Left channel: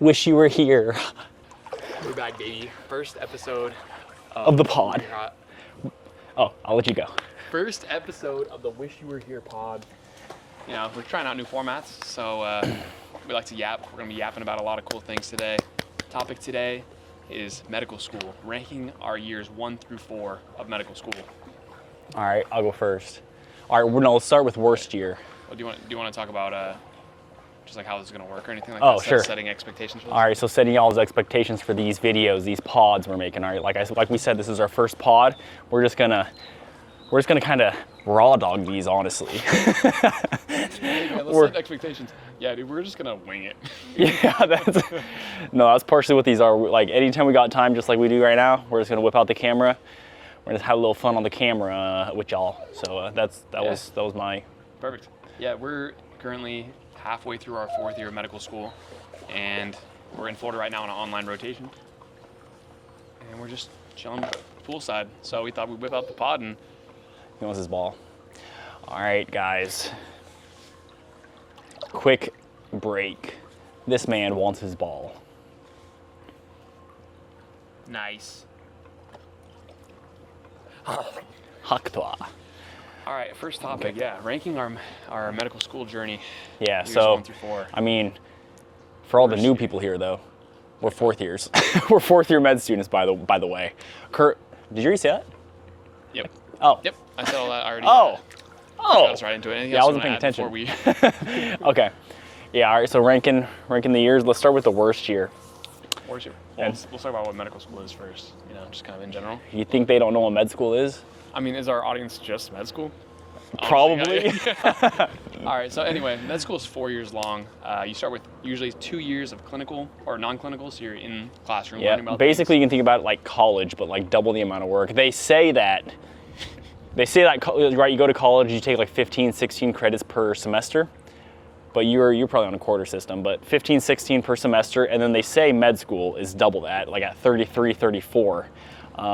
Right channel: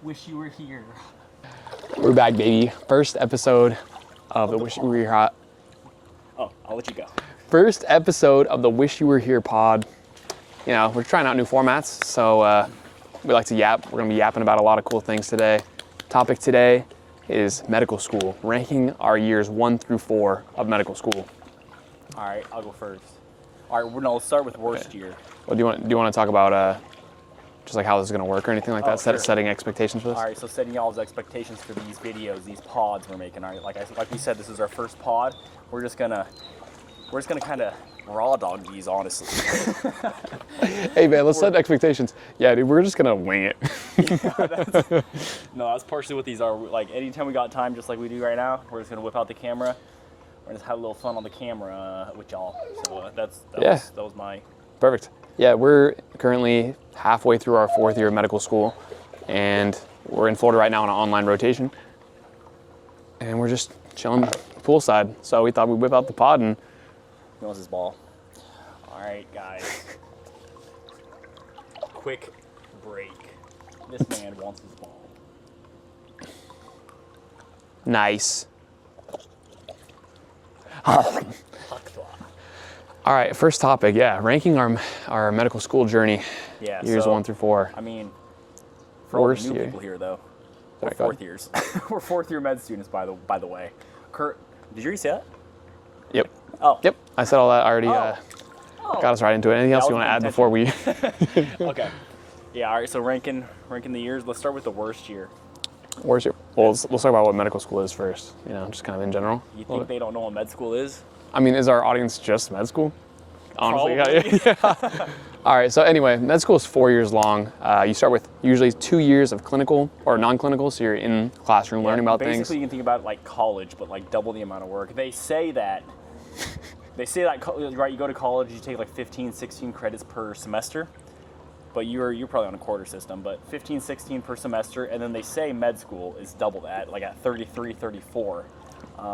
Wish you were here. We're back, baby. First episode of the pod. Oh, I'll let you go. First episode of the Wish You Were Here pod. You know, we're trying out new formats, so we like to yap. We're gonna be yapping about a lot of cool things today. Topic today is medical school, ranking our years 1 through 4 of medical school. All right, I'll go first. All right, let's start with worst year. Well, do you want to talk about just like how this is gonna work or anything like Oh, that? sure. Setting expectations for this. All right, so setting y'all's expectations for these videos, these pods we're making. All right, like we said, this is our first pod. We're just gonna kind of raw dog these, honestly. Hey man, let's set expectations. Yeah, dude, we're just gonna wing it. Yeah, that's partially what these are. Like anytime we got time, just like we do right now, we're just gonna whip out the camera. We're gonna have a little fun on the camera with y'all. So that was my. Perfect. Yeah, we're currently halfway through our 4th year of medical school, and we're in Florida right now on an online rotation, and we're just chilling poolside. So we thought we'd whip out the pod and. He wants his ball. All right, guys. Quick break. This man wants his ball. Nice. Haktwa. All right, first topic. Yeah, ranking our medical school journey. Yeah, years so 1 through 4. I mean, for all the Worst new year. people here, though, we're Okay. 4th years. We're 4th year med students, by the way. Kurt, did you already say that? Yep. Oh. Yep. I said all that already. Oh. Got us right into it. Anything Yeah, else I you want to add wasn't before we? Okay. Yeah. All right. So ranking the years. Let's start with the worst year. Where's your? Well, let's talk about what medical school is first. You know, just kind of in general. You think they don't know what med school is? I mean, is our audience just med school? Honestly, Probably. yeah. All right, so anyway, med school is 4 years long. You start with usually 2 years of clinical or non-clinical, so you're in classroom Yeah, learning about basically, things. you can think about it like college, but like double the amount of work. They say that, right, you go to college, you take like 15, 16 credits per semester, but you're probably on a quarter system, but 15, 16 per semester, and then they say med school is double that, like at 33, 34. Do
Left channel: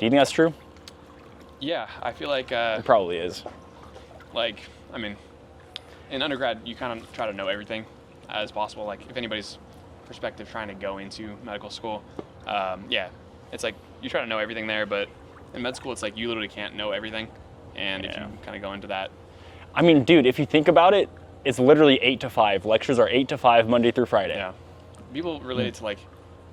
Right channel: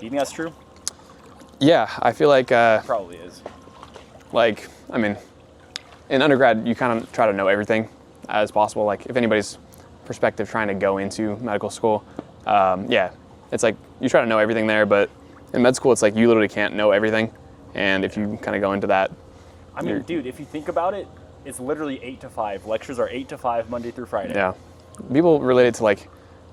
you think that's true? Yeah, I feel like, Probably is. I mean, in undergrad, you kind of try to know everything as possible. Like, if anybody's perspective trying to go into medical school, yeah, it's like you try to know everything there, but in med school, it's like you literally can't know everything. And if you kind of go into that, I mean, dude, if you think about it, it's literally 8 to 5. Lectures are 8 to 5, Monday through Friday. yeah, people relate it to like,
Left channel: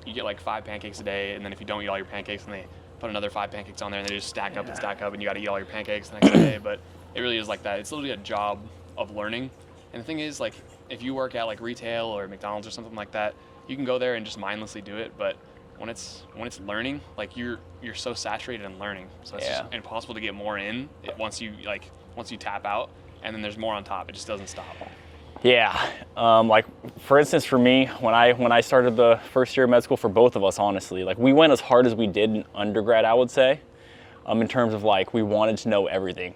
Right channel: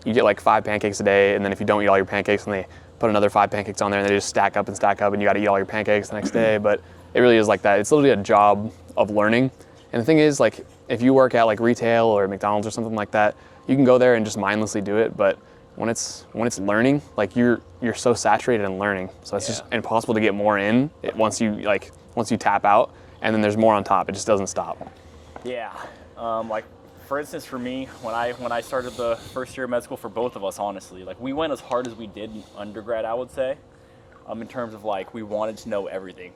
you get like 5 pancakes a day, and then if you don't eat all your pancakes, and they put another 5 pancakes on there, and they just stack up, and you got to eat all your pancakes the next day. But it really is like that. It's literally a job of learning. And the thing is, like, if you work at like retail or McDonald's or something like that, you can go there and just mindlessly do it. But when it's learning, like you're so saturated in learning, so it's just impossible to get more in once you tap out, and then there's more on top. It just doesn't stop. Yeah, like for instance, for me, when I started the first year of med school, for both of us, honestly, like we went as hard as we did in undergrad, I would say, in terms of like we wanted to know everything,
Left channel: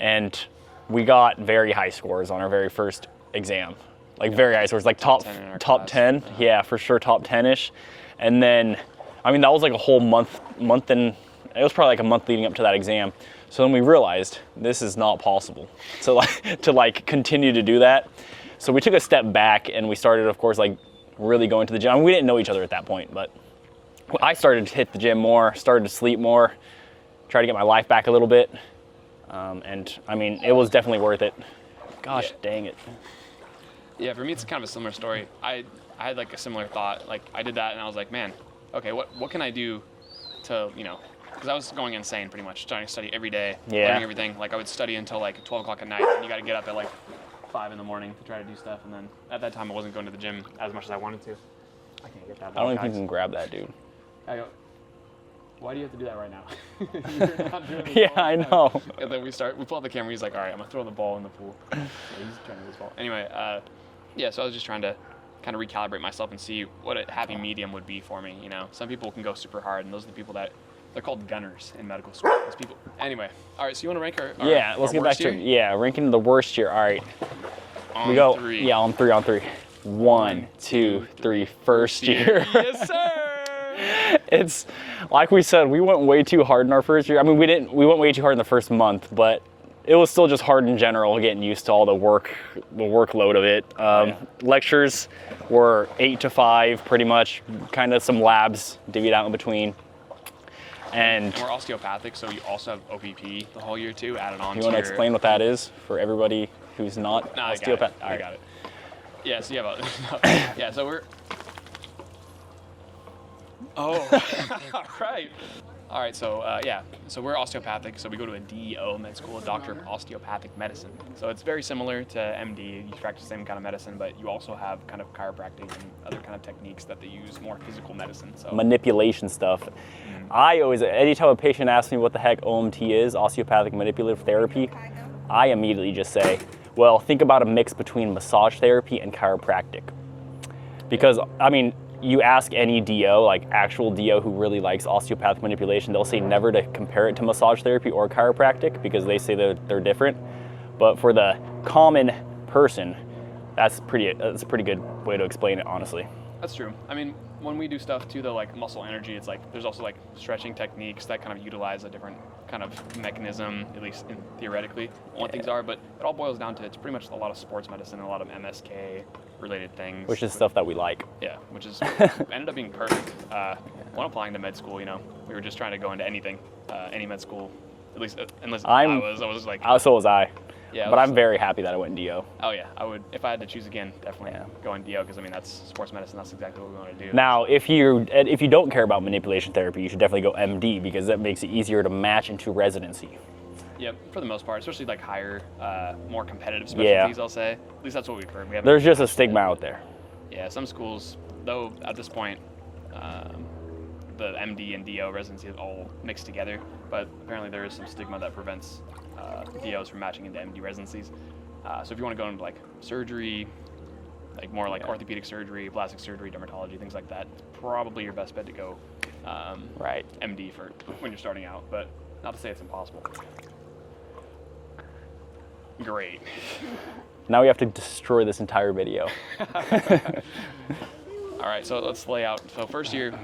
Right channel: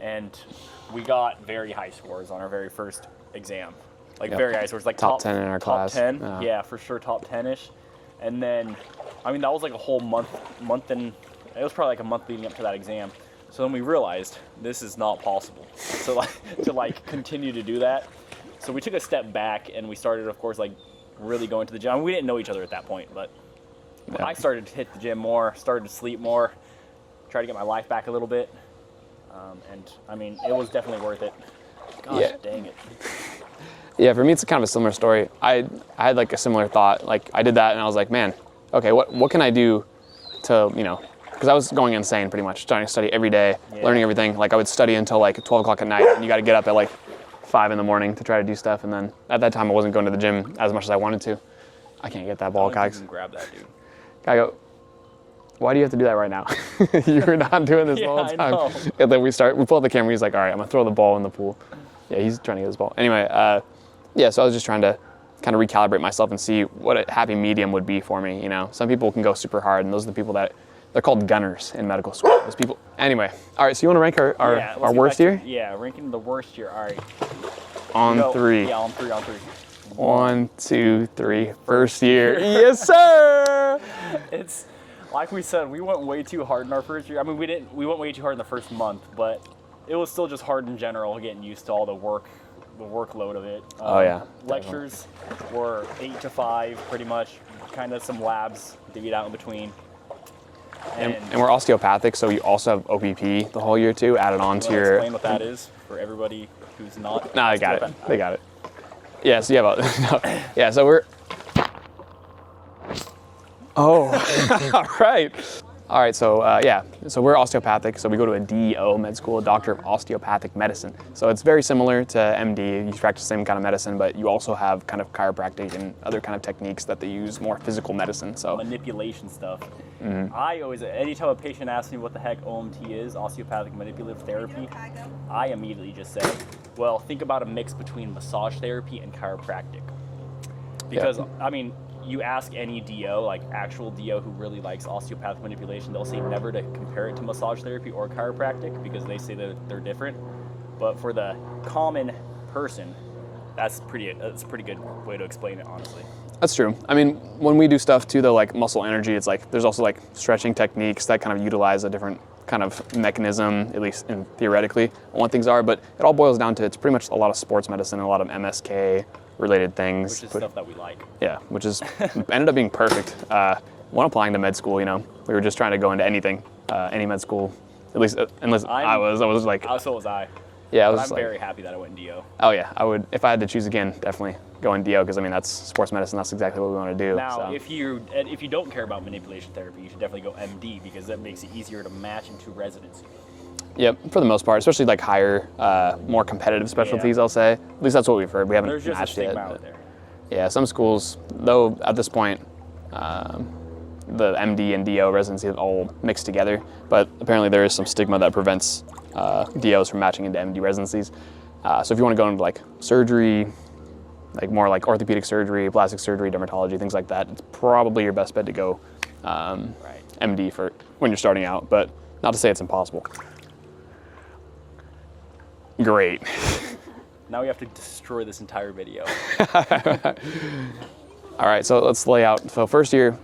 and we got very high scores on our very first exam, like very high scores, like Top 10 in our top class. 10, yeah, for sure, top 10ish, and then, I mean, that was like a whole month, and it was probably like a month leading up to that exam. So then we realized this is not possible to continue to do that. So we took a step back and we started, of course, like really going to the gym. I mean, we didn't know each other at that point, but I started to hit the gym more, started to sleep more, try to get my life back a little bit. And I mean, it was definitely worth it. Gosh, dang it. Yeah, for me, it's kind of a similar story. I had like a similar thought. Like I did that and I was like, man, okay, what can I do to, you know, because I was going insane pretty much, starting to study every day, learning everything. Like I would study until like 12 o'clock at night, and you got to get up at like 5 in the morning to try to do stuff. And then at that time, I wasn't going to the gym as much as I wanted to. I can't get that I ball, don't think guys. you can grab that, dude. I go, why do you have to do that right now? You were not doing this all the time. I know. And then we pull out the camera, he's like, all right, I'm gonna throw the ball in the pool. Yeah, he's trying to get his ball. Anyway, yeah, so I was just trying to kind of recalibrate myself and see what a happy medium would be for me, you know? Some people can go super hard, and those are the people that, they're called gunners in medical school. Those people, anyway. All right, so you wanna rank our Let's get worst back year? to, yeah, ranking the worst year, all right. On 3. Yeah, on 3. 1, 2, 3. First year. Yes, sir! It's, like we said, we went way too hard in our first year. I mean, we went way too hard in the first month, but it was still just hard in general, getting used to all the workload of it. Yeah. Lectures were 8 to 5, pretty much, kind of some labs divvied out in between. And we're osteopathic, so you also have OPP the whole year too, added on you to want to your. explain what that is for everybody who's not? No, I got it. osteopath? I got it. Yeah, so you have a, no, yeah, so we're. Oh, all right. All right, so yeah, so we're osteopathic, so we go to a DO med school, a doctor of osteopathic medicine. So it's very similar to MD. You practice the same kind of medicine, but you also have kind of chiropractic and other kind of techniques that they use, more physical medicine. So Manipulation stuff. Mm-hmm. I always, anytime a patient asks me what the heck OMT is, osteopathic manipulative therapy, I immediately just say, well, think about a mix between massage therapy and chiropractic. Because, I mean, you ask any DO, like actual DO who really likes osteopathic manipulation, they'll say never to compare it to massage therapy or chiropractic because they say they're different. But for the common person, that's a pretty good way to explain it, honestly. that's true. I mean, when we do stuff too, though, like muscle energy, it's like there's also like stretching techniques that kind of utilize a different kind of mechanism, at least theoretically, on what things are. But it all boils down to it's pretty much a lot of sports medicine and a lot of MSK related things. Which is stuff that we like. Yeah, which is ended up being perfect. When applying to med school, you know, we were just trying to go into anything, any med school, at least unless I was like, So was I. yeah, But I'm like, very happy that I went DO. oh yeah, I would if I had to choose again, definitely go in DO because I mean that's sports medicine. That's exactly what we want to do. Now, so. if you don't care about manipulation therapy, you should definitely go MD because that makes it easier to match into residency. Yep, for the most part, especially like higher, more competitive specialties, I'll say. At least that's what we've heard. We haven't. There's just a matched stigma yet, out but- there. Yeah, some schools, though, at this point, the MD and DO residency are all mixed together. But apparently, there is some stigma that prevents DOs from matching into MD residencies. So if you want to go into like surgery, like more like orthopedic surgery, plastic surgery, dermatology, things like that, it's probably your best bet to go Right. MD for when you're starting out. But not to say it's impossible. Great. Now we have to destroy this entire video. All right, so let's lay out. So first year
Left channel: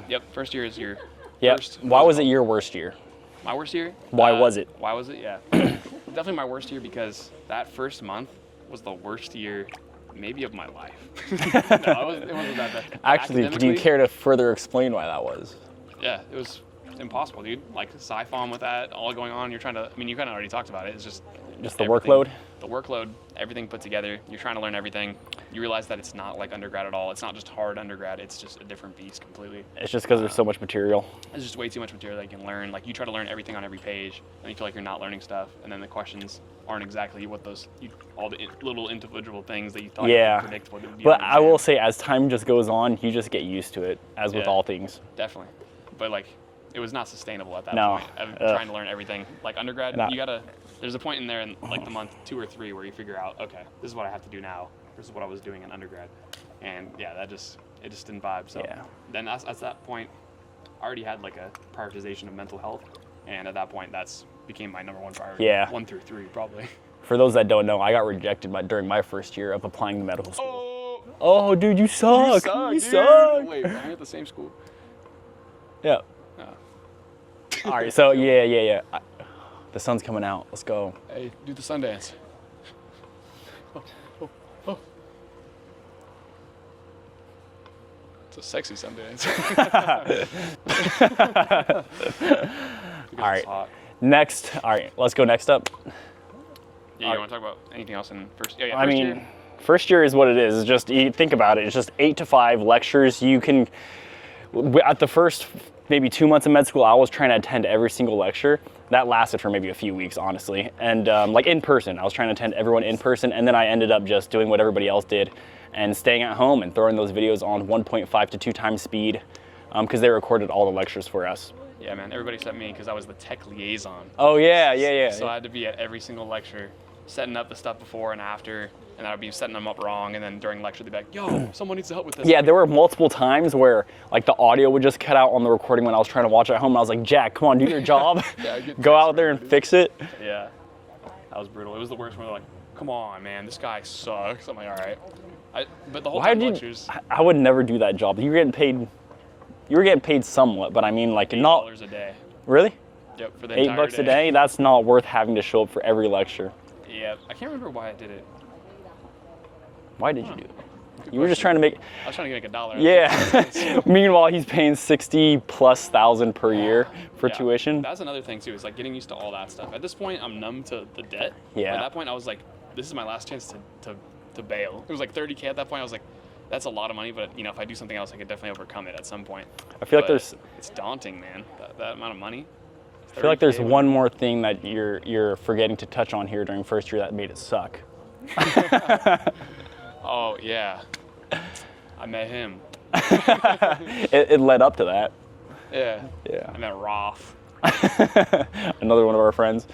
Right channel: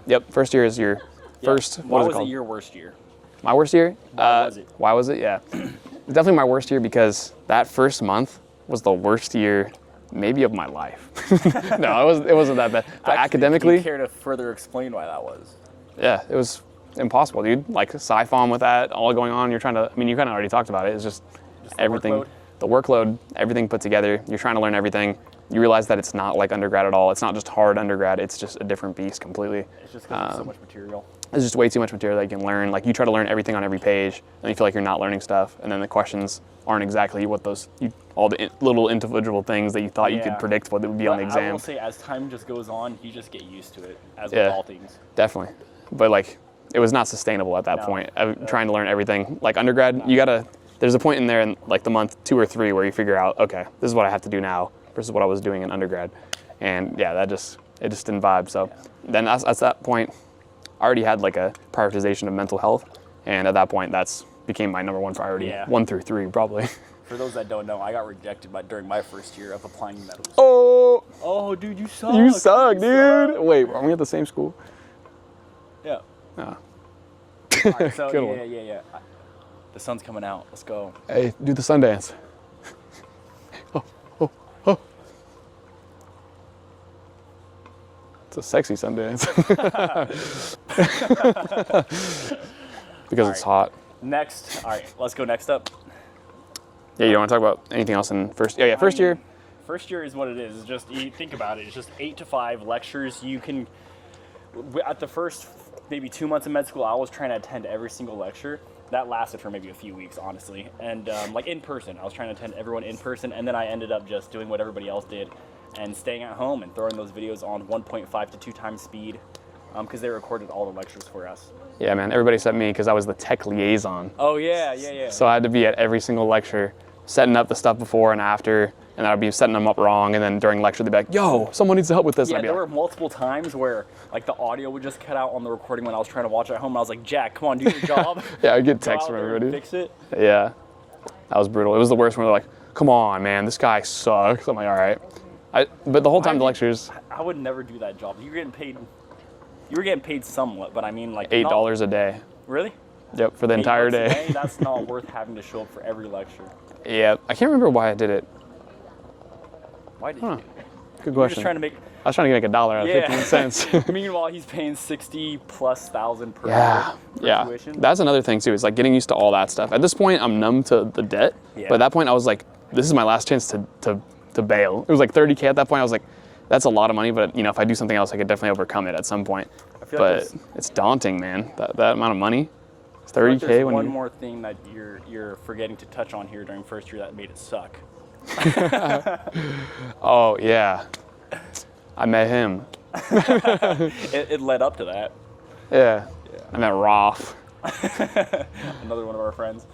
is your first. Why what was it called? your worst year? My worst year? Why was it? Why was it? Yeah. Definitely my worst year because that first month was the worst year maybe of my life. No, it wasn't that bad. But Actually, academically, do you care to further explain why that was? yeah, it was impossible, dude. Like sci-pharm with that all going on, you kind of already talked about it. It's just Just the everything. workload? The workload, everything put together. You're trying to learn everything. You realize that it's not like undergrad at all. It's not just hard undergrad. It's just a different beast completely. It's just because there's so much material. There's just way too much material that you can learn. Like you try to learn everything on every page, and you feel like you're not learning stuff. And then the questions aren't exactly what all the little individual things that you thought you could predict what would be on But the exam. I will say, as time just goes on, you just get used to it, as with Yeah. all things. Definitely, but like it was not sustainable at that No. point. Trying to learn everything like undergrad, No. you gotta. There's a point in there in like the month 2 or 3 where you figure out, okay, this is what I have to do now versus what I was doing in undergrad, and yeah, it just didn't vibe. So Yeah. then at that point, I already had like a prioritization of mental health, and at that point, that's became my number one priority. Yeah. 1 through 3 probably. For those that don't know, I got rejected during my first year of applying to medical school. Oh, Dude, you suck. you suck, You dude. suck. Wait, are we at the same school? Yeah. Oh. All right, so Cool. yeah. The sun's coming out. Let's go. Hey, do the sun dance. Oh. It's a sexy sun dance. Because All it's right. hot. Next, all right, let's go next up. Yeah, you don't want to talk about anything else in first? Yeah, I first mean, year. First year is what it is. It's just, you think about it, it's just 8 to 5 lectures. You can, at the first maybe 2 months of med school, I was trying to attend every single lecture. That lasted for maybe a few weeks, honestly. And like in person, I was trying to attend everyone in person, and then I ended up just doing what everybody else did and staying at home and throwing those videos on 1.5 to 2 times speed because they recorded all the lectures for us. Yeah, man. Everybody sent me because I was the tech liaison. Oh yeah. So I had to be at every single lecture, setting up the stuff before and after, and I'd be setting them up wrong. And then during lecture, they'd be like, "Yo, someone needs to help with this." Yeah, I'd be there like, were multiple times where like the audio would just cut out on the recording when I was trying to watch it at home. And I was like, Jack, come on, do your job. Yeah, I'd get Go texts out from there and everybody. fix it. Yeah, that was brutal. It was the worst when they're like, "Come on, man, this guy sucks." I'm like, "All right," but the whole time the lectures, I would never do that job. You were getting paid somewhat, but I mean like $8 a day. Really? Yep, for the 8 entire bucks a day. day, that's not worth having to show up for every lecture. Yep. I can't remember why I did it. Why did you do that? Good You were just question. trying to make. I was trying to make $1 out of Yeah. 15 cents. Meanwhile, he's paying 60,000+ per year for tuition. That's another thing too. Is like getting used to all that stuff. At this point, I'm numb to the debt. Yeah. But at that point, I was like, this is my last chance to bail. It was like 30K at that point. I was like, that's a lot of money, but if I do something else, I could definitely overcome it at some point. I feel like But there's, it's daunting, man. That amount of money. It's 30K. I feel like there's when one you- more thing that you're forgetting to touch on here during first year that made it suck. Oh yeah. I met him. It led up to that. Yeah. Yeah. I met Roth. Another one of our friends.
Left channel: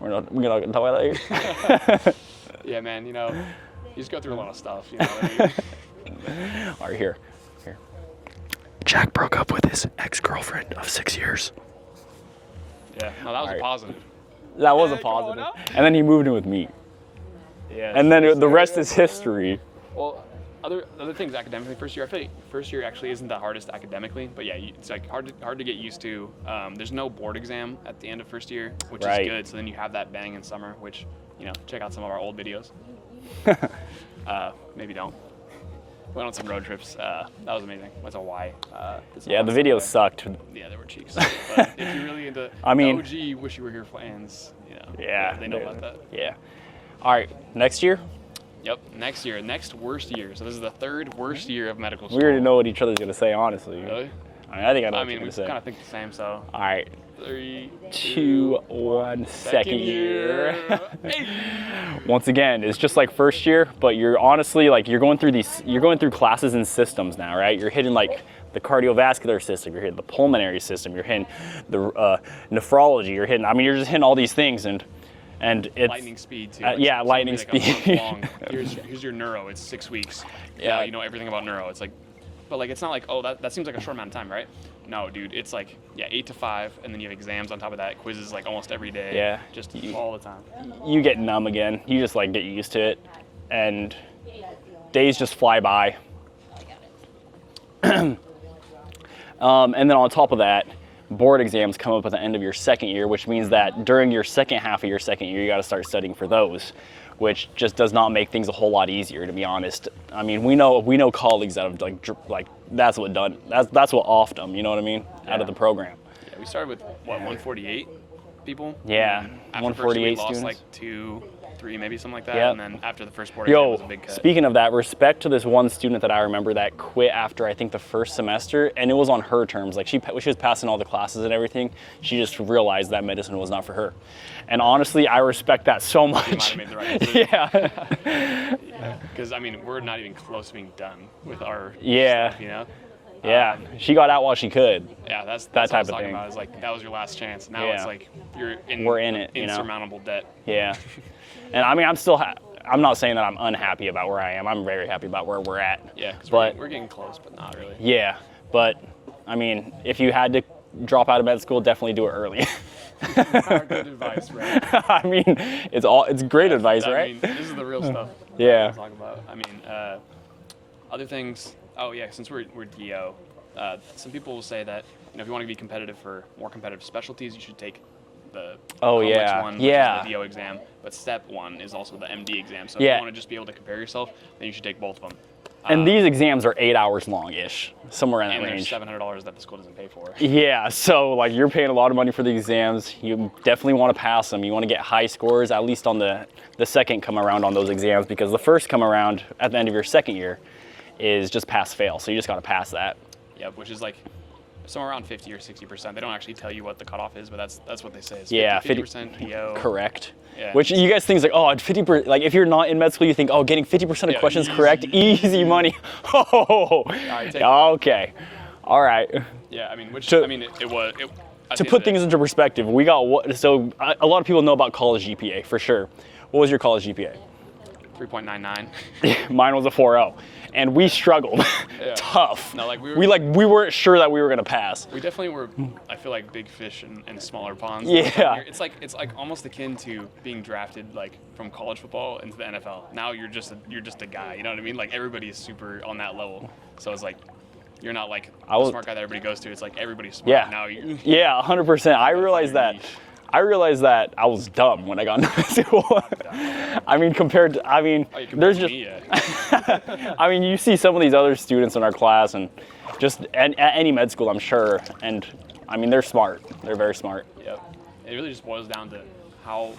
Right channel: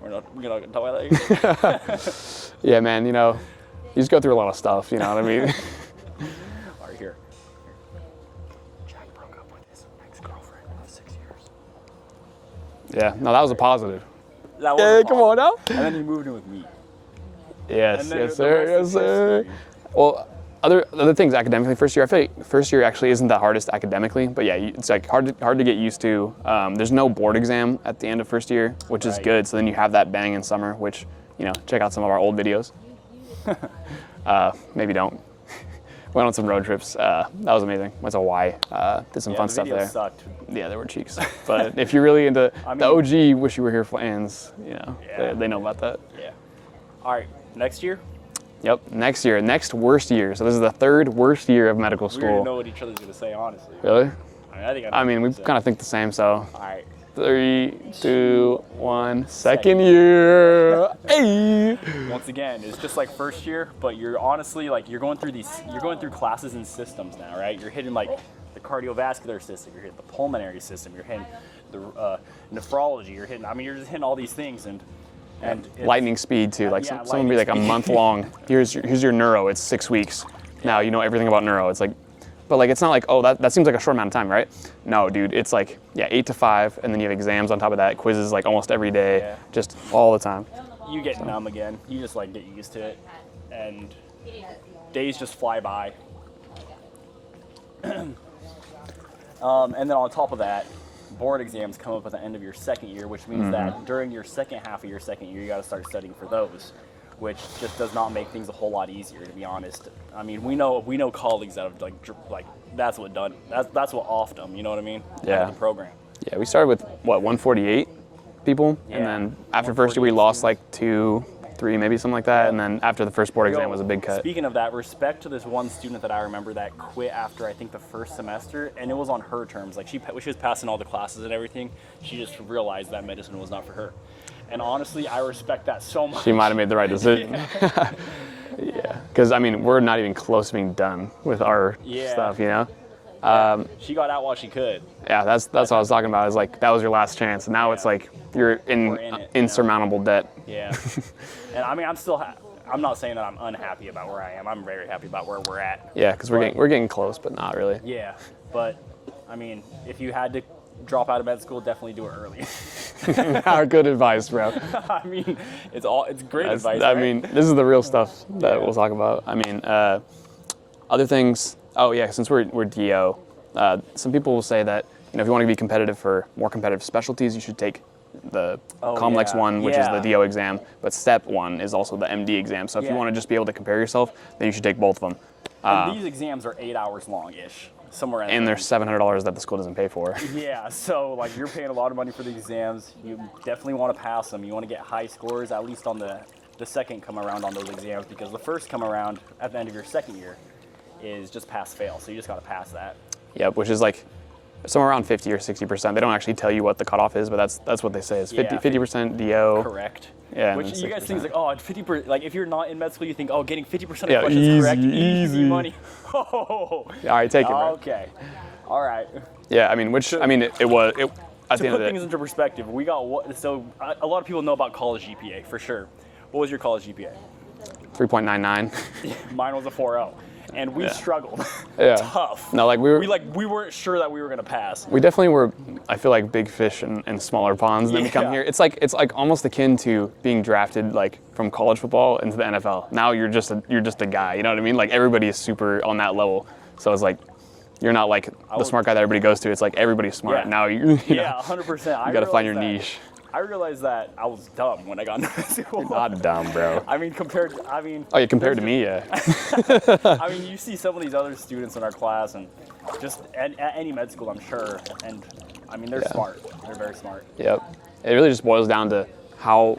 We're not gonna talk about that here. Yeah, man. You just go through a lot of stuff. You know what I mean? All right, here. Jack broke up with his ex-girlfriend of 6 years. Yeah. No, that was a positive. That was Hey, a come on positive. And then he moved in with me. Yes. And then yes, the sir, rest yes, is sir. history. Well, other things academically first year. I feel like first year actually isn't the hardest academically, but yeah, it's like hard to get used to. There's no board exam at the end of first year, which is Right. good. So then you have that bang in summer, which check out some of our old videos. Maybe don't. Went on some road trips. That was amazing. Went to Hawaii. Did some Yeah, fun the stuff videos there. sucked. Yeah, they were cheeks. But if you're really into I mean- the OG Wish You Were Here fans, Yeah, they know yeah. about that. Yeah. All right, next year, Yep. Next year, next worst year. So this is the third worst year of medical we school. already know what each other's gonna say, honestly. Really? I think I know. I what mean, you're we gonna say. kind of think the same. So All right. 3, 2, 2, 1. second Second year. Hey. Once again, it's just like first year, but you're honestly like you're going through classes and systems now, right? You're hitting like the cardiovascular system, you're hitting the pulmonary system, you're hitting the nephrology, you're just hitting all these things and it's, Lightning speed too. Like yeah, some would be lightning like speed. a month long. Here's your neuro. It's 6 weeks. Now you know everything about neuro. It's like, but like it's not like, oh, that seems like a short amount of time, right? No, dude, it's like 8 to 5, and then you have exams on top of that, quizzes like almost every day, Yeah. just all the time. You get numb again. You just like get used to it, and days just fly by. And then on top of that, board exams come up at the end of your second year, which means that during your second half of your second year, you got to start studying for those, which just does not make things a whole lot easier, to be honest. I mean, we know colleagues that have like that's what offed them. You know what I mean? Out Yeah. of the program. Yeah, we started with 148 people. Yeah, And then after the first year, we 148 lost students. like 2, 3, maybe something like that. Yeah. And then after the first board exam was a big cut. Speaking of that, respect to this one student that I remember that quit after I think the first semester, and it was on her terms. Like she was passing all the classes and everything. She just realized that medicine was not for her. And honestly, I respect that so much. We might have made the right decision. Yeah. Because I mean, we're not even close to being done with our Yeah. stuff, you know. Yeah. She got out while she could. Yeah, that's That what I was type of talking thing. about. Is like that was your last chance. Now it's Yeah. like you're We're in it, you know? insurmountable debt. Yeah. And I mean, I'm not saying that I'm unhappy about where I am. I'm very happy about where we're at. Yeah, because But- we're getting close, but not really. Yeah. But I mean, if you had to drop out of med school, definitely do it early. Our good advice, bro. I mean, it's great advice. I right? mean, this is the real stuff that Yeah. we'll talk about. I mean, other things. Oh yeah, since we're DO, some people will say that if you want to be competitive for more competitive specialties, you should take the complex yeah. one, which Yeah. is the DO exam. But step 1 is also the MD exam. So if Yeah. you want to just be able to compare yourself, then you should take both of them. And these exams are 8 hours long-ish, somewhere in that And range. there's $700 that the school doesn't pay for. Yeah, so like you're paying a lot of money for the exams. You definitely want to pass them. You want to get high scores, at least on the second come around on those exams, because the first come around at the end of your second year is just pass-fail. So you just got to pass that. Yep, which is like somewhere around 50 or 60%. They don't actually tell you what the cutoff is, but that's what they say. It's 50, Yeah, 50% DO. Correct. Yeah, Which it's- you guys think is like, oh, 50%. Like if you're not in med school, you think, oh, getting 50% of Yeah, questions easy, correct, easy money. Oh, all right, take it, man. Okay, all right. Yeah, I mean, it was. To put things into perspective, we got so a lot of people know about college GPA for sure. What was your college GPA? 3.99. Mine was a 4.0, and we struggled. Yeah. Tough. No, like we weren't sure that we were gonna pass. We definitely were. I feel like big fish in smaller ponds. That we come Yeah. here. It's like almost akin to being drafted like from college football into the NFL. Now you're just a guy. You know what I mean? Like everybody is super on that level. So it's like You're not like the was- smart guy that everybody goes to. It's like everybody's smart. Yeah. Now you Yeah, 100%. I gotta find realized your that. niche. I realized that I was dumb when I got into school. Not dumb, bro. I mean, compared to, I mean, Oh, yeah, compared there's to me, yeah. I mean, you see some of these other students in our class, and just at any med school, I'm sure, and I mean, they're smart. They're very smart. Yep. It really just boils down to how,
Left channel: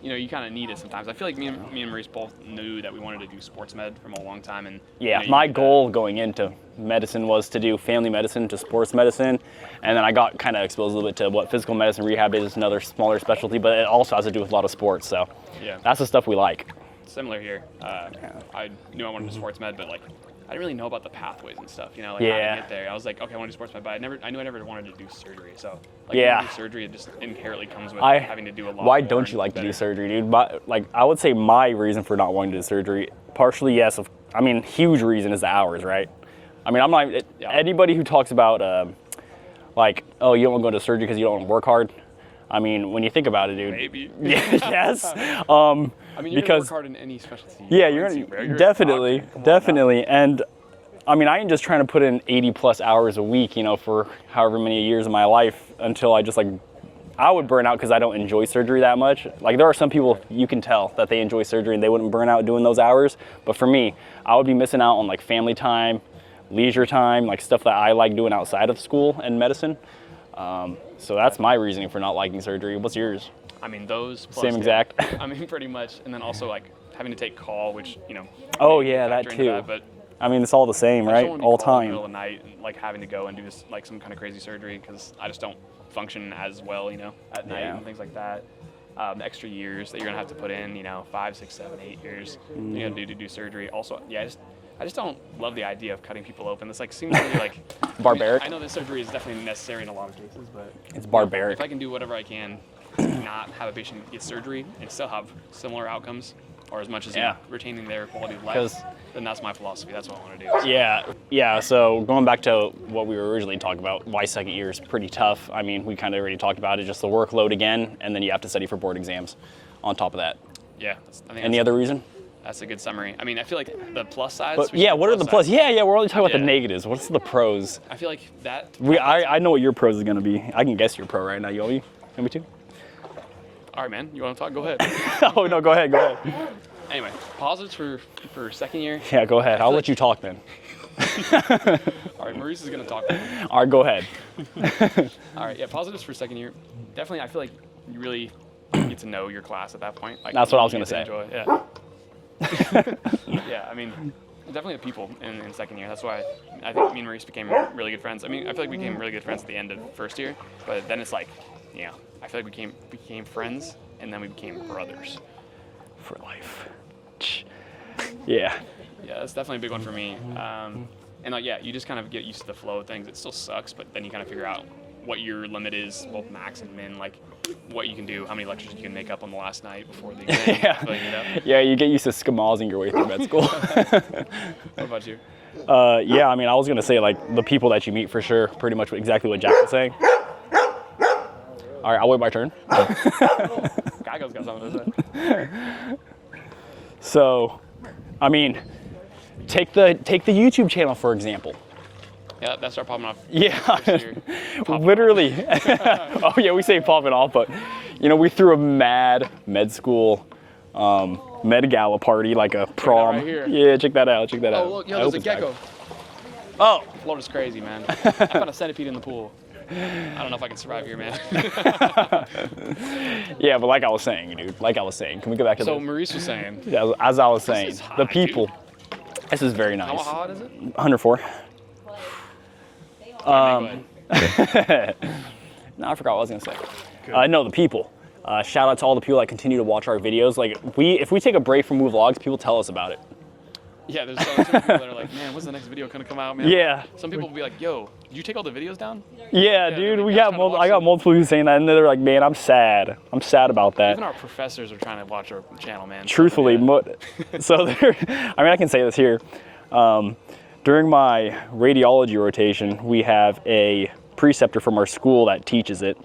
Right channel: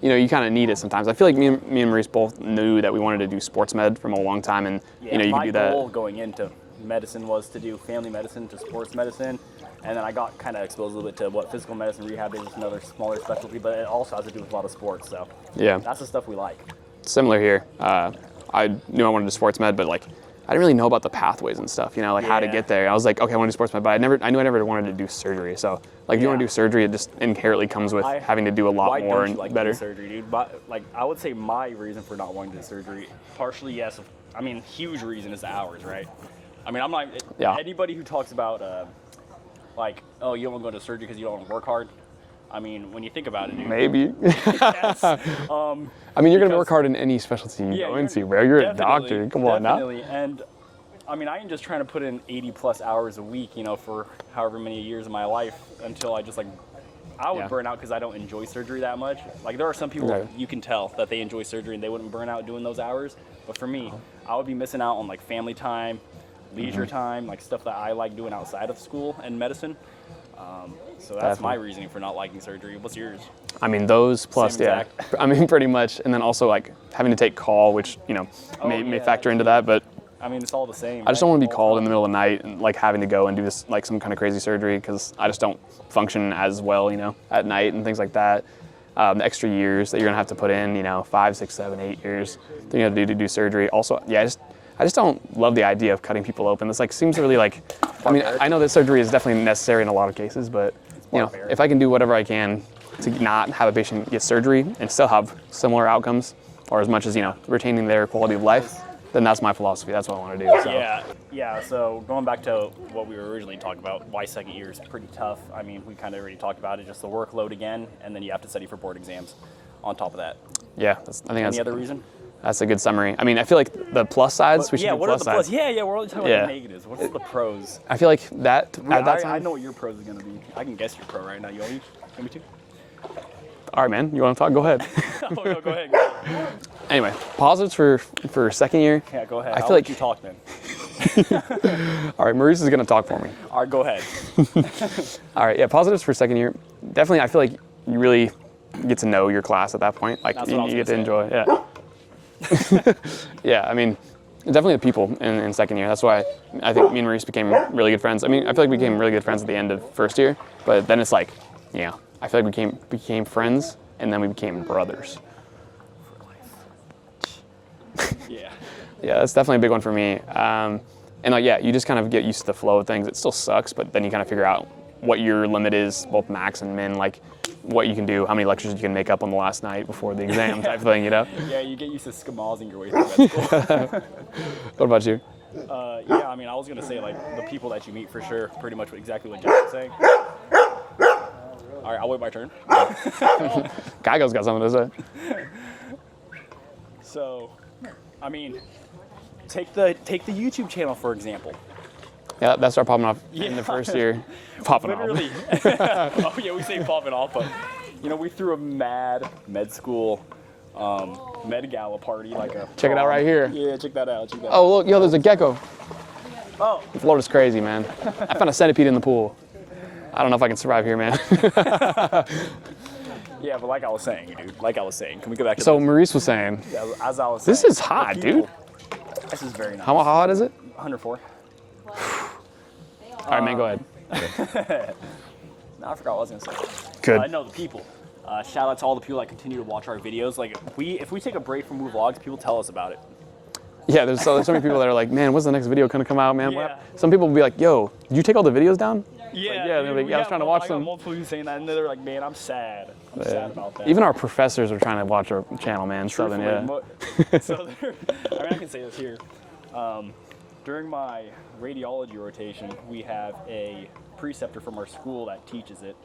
you kind of need it sometimes. I feel like me and Maurice both knew that we wanted to do sports med from a long time, and Yeah, you my could do that. goal going into medicine was to do family medicine to sports medicine, and then I got kind of exposed a little bit to what physical medicine rehab is, another smaller specialty, but it also has to do with a lot of sports. So Yeah. that's the stuff we like. Similar here. I knew I wanted to do sports med, but like I didn't really know about the pathways and stuff, like how to Yeah. get there. I was like, okay, I want to do sports med, but I knew I never wanted to do surgery. So like, you want to Yeah. do surgery, it just inherently comes with I- having to do a lot Why more. don't and you like to better. do surgery, dude? Like, I would say my reason for not wanting to do surgery, partially yes. I mean, huge reason is the hours, right? I mean, I'm not Yeah. anybody who talks about like, oh, you don't want to go to surgery because you don't want to work hard. I mean, when you think about it, dude. Maybe. Yes. I mean, you're gonna Because- work hard in any specialty you Yeah, go you're into, bro. You're definitely, a doctor. Come on now. definitely, and I mean, I ain't just trying to put in 80 plus hours a week, for however many years of my life until I just I would Yeah. burn out because I don't enjoy surgery that much. Like there are some people Right. you can tell that they enjoy surgery and they wouldn't burn out doing those hours, but for me, I would be missing out on like family time, leisure Mm-hmm. time, like stuff that I like doing outside of school and medicine. So that's my reasoning for not liking surgery. What's yours? I mean, those plus Same yeah. exact. I mean, pretty much, and then also like having to take call, which Oh, may yeah, factor that into too. that, but. I mean, it's all the same, I just right? don't want to be All called in time. the middle of the night and like having to go and do this like some kind of crazy surgery because I just don't function as well, at night and things like that. The extra years that you're gonna have to put in, 5, 6, 7, 8 years that you have to do surgery. Also, yeah, I just don't love the idea of cutting people open. This like seems really like Barbaric. I know that surgery is definitely necessary in a lot of cases, but it's barbaric. if I can do whatever I can to not have a patient get surgery and still have similar outcomes, or as much as Yeah. retaining their quality of life, then that's my philosophy. That's what I want to do. So. Yeah. So going back to what we were originally talking about, why second year is pretty tough. I mean, we kind of already talked about it, just the workload again, and then you have to study for board exams on top of that. Yeah, I think Any other reason? that's a good summary. I mean, I feel like the plus sides. we should Yeah. do What are the plus? sides. Yeah. We're only talking about Yeah. the negatives. What's the pros? I feel like that. I know what your pros is gonna be. I can guess your pro right now. You want me to? All right, man. You want to talk? Go ahead. Oh no. Go ahead. Go ahead. Anyway, positives for second year. Yeah. Go ahead. I I'll feel let like- you talk then. All right, Maurice is gonna talk for me. All right. Go ahead. All right, yeah. Positives for second year. Definitely, I feel like you really get to know your class at that point. Like That's what I was you gonna get to enjoy. Yeah. Yeah. I mean, definitely the people in second year. That's why I think me and Maurice became really good friends. I mean, I feel like we became really good friends at the end of first year, but then it's like, I feel like we became friends, and then we became brothers. For life. Yeah. Yeah, that's definitely a big one for me. And like, yeah, you just kind of get used to the flow of things. It still sucks, but then you kind of figure out what your limit is, both max and min, like what you can do, how many lectures you can make up on the last night before the exam type thing, Yeah. You get used to schmozzing your way through med school. What about you? Yeah, I mean, I was gonna say like the people that you meet for sure, pretty much exactly what Jack was saying. All right, I'll wait my turn. Geico's got something to say. So, I mean, take the YouTube channel for example. Yeah, that's our popping off. in Yeah. the first year. Popping off. Literally. Oh yeah, we say popping off, but we threw a mad med school med gala party, like a Check it out prom. right here. Yeah, check that out. Oh, look, yo, there's a gecko. Oh, Florida's crazy, man. I found a centipede in the pool. I don't know if I can survive here, man. yeah, but like I was saying, dude. Like I was saying, can we go back to So this? Maurice was saying, Yeah, as I was saying, This is hot, the people. dude. This is very nice. how hot is it? 104. All right, man, go ahead. No, I forgot what I was gonna say. Good. No, the people. Shout out to all the people that continue to watch our videos. Like, if we take a break from Move Vlogs, people tell us about it. Yeah, there's so many people that are like, man, when's the next video gonna come out, man? Yeah. Some people will be like, yo, did you take all the videos down? Yeah, they're dude. like, "Yeah, I was trying to watch I got them." multiple people saying that, and they're like, man, I'm sad. I'm sad about that. Even our professors are trying to watch our channel, man. Truthfully, So, yeah. I mean, I can say this here. During my radiology rotation, we have a preceptor from our school that teaches it.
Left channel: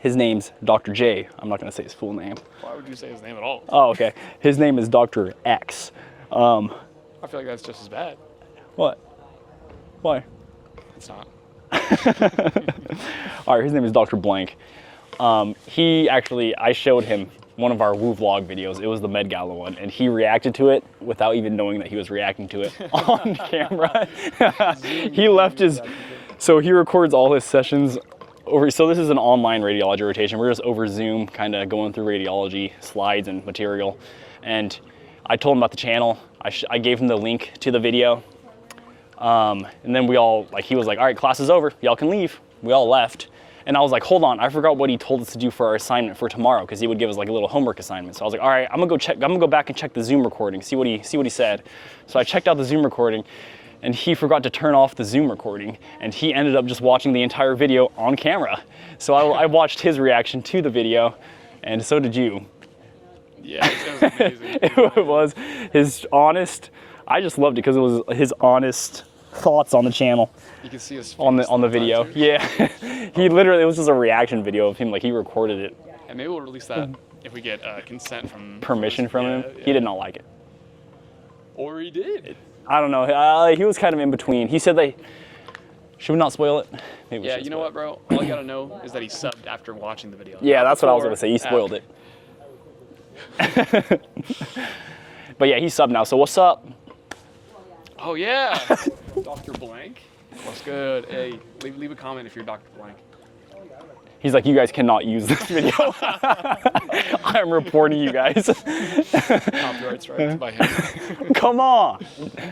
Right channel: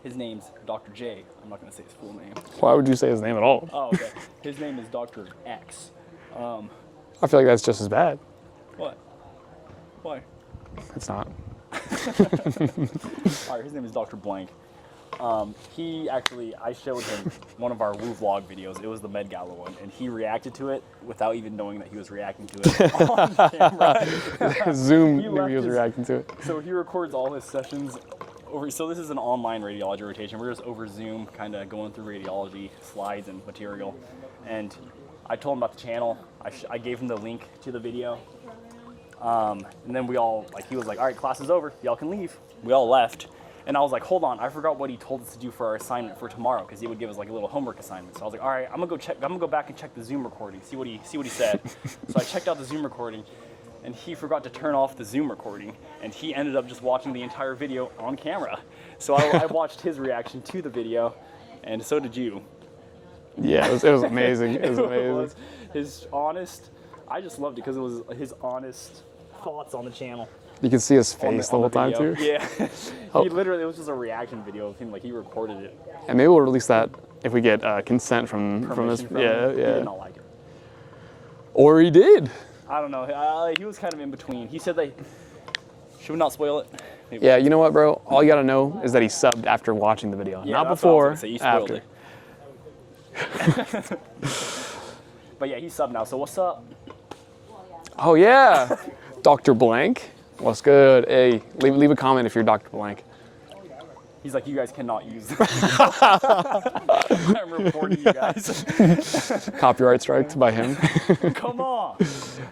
His name's Dr. J. I'm not gonna say his full name. Why would you say his name at all? Oh, okay. His name is Dr. X. I feel like that's just as bad. What? Why? It's not. All right, his name is Dr. Blank. He actually, I showed him one of our Woo vlog videos. It was the Met Gala one, and he reacted to it without even knowing that he was reacting to it on camera. Zoom. He left video his. reacting to it. So he records all his sessions over. So this is an online radiology rotation. We're just over Zoom, kind of going through radiology slides and material. And I told him about the channel. I gave him the link to the video. And then we all, like, he was like, all right, class is over. Y'all can leave. We all left. And I was like, hold on, I forgot what he told us to do for our assignment for tomorrow, because he would give us like a little homework assignment. So I was like, all right, I'm gonna go back and check the Zoom recording, see what he said. So I checked out the Zoom recording, and he forgot to turn off the Zoom recording, and he ended up just watching the entire video on camera. So I watched his reaction to the video, and so did you. Yeah, it was amazing. It was amazing. It was his honest, I just loved it because it was his honest thoughts on the channel. You can see his face On the whole time, video. too. Yeah. He literally, it was just a reaction video of him, like he recorded it. And maybe we'll release that if we get consent from Permission from yeah, him. yeah. He did not like it. Or he did. I don't know. He was kind of in between. He said that, should we not spoil it? Maybe we Yeah, should. you know what, bro? All you gotta know is that he subbed after watching the video. Yeah, Not that's what I was before, gonna say. He spoiled after. it. But yeah, he's subbed now. So what's up? Oh yeah, Dr. Blank. What's good? Hey, leave a comment if you're Dr. Blank. He's like, you guys cannot use this video. I'm reporting you guys. Copyright strikes by him. Come on.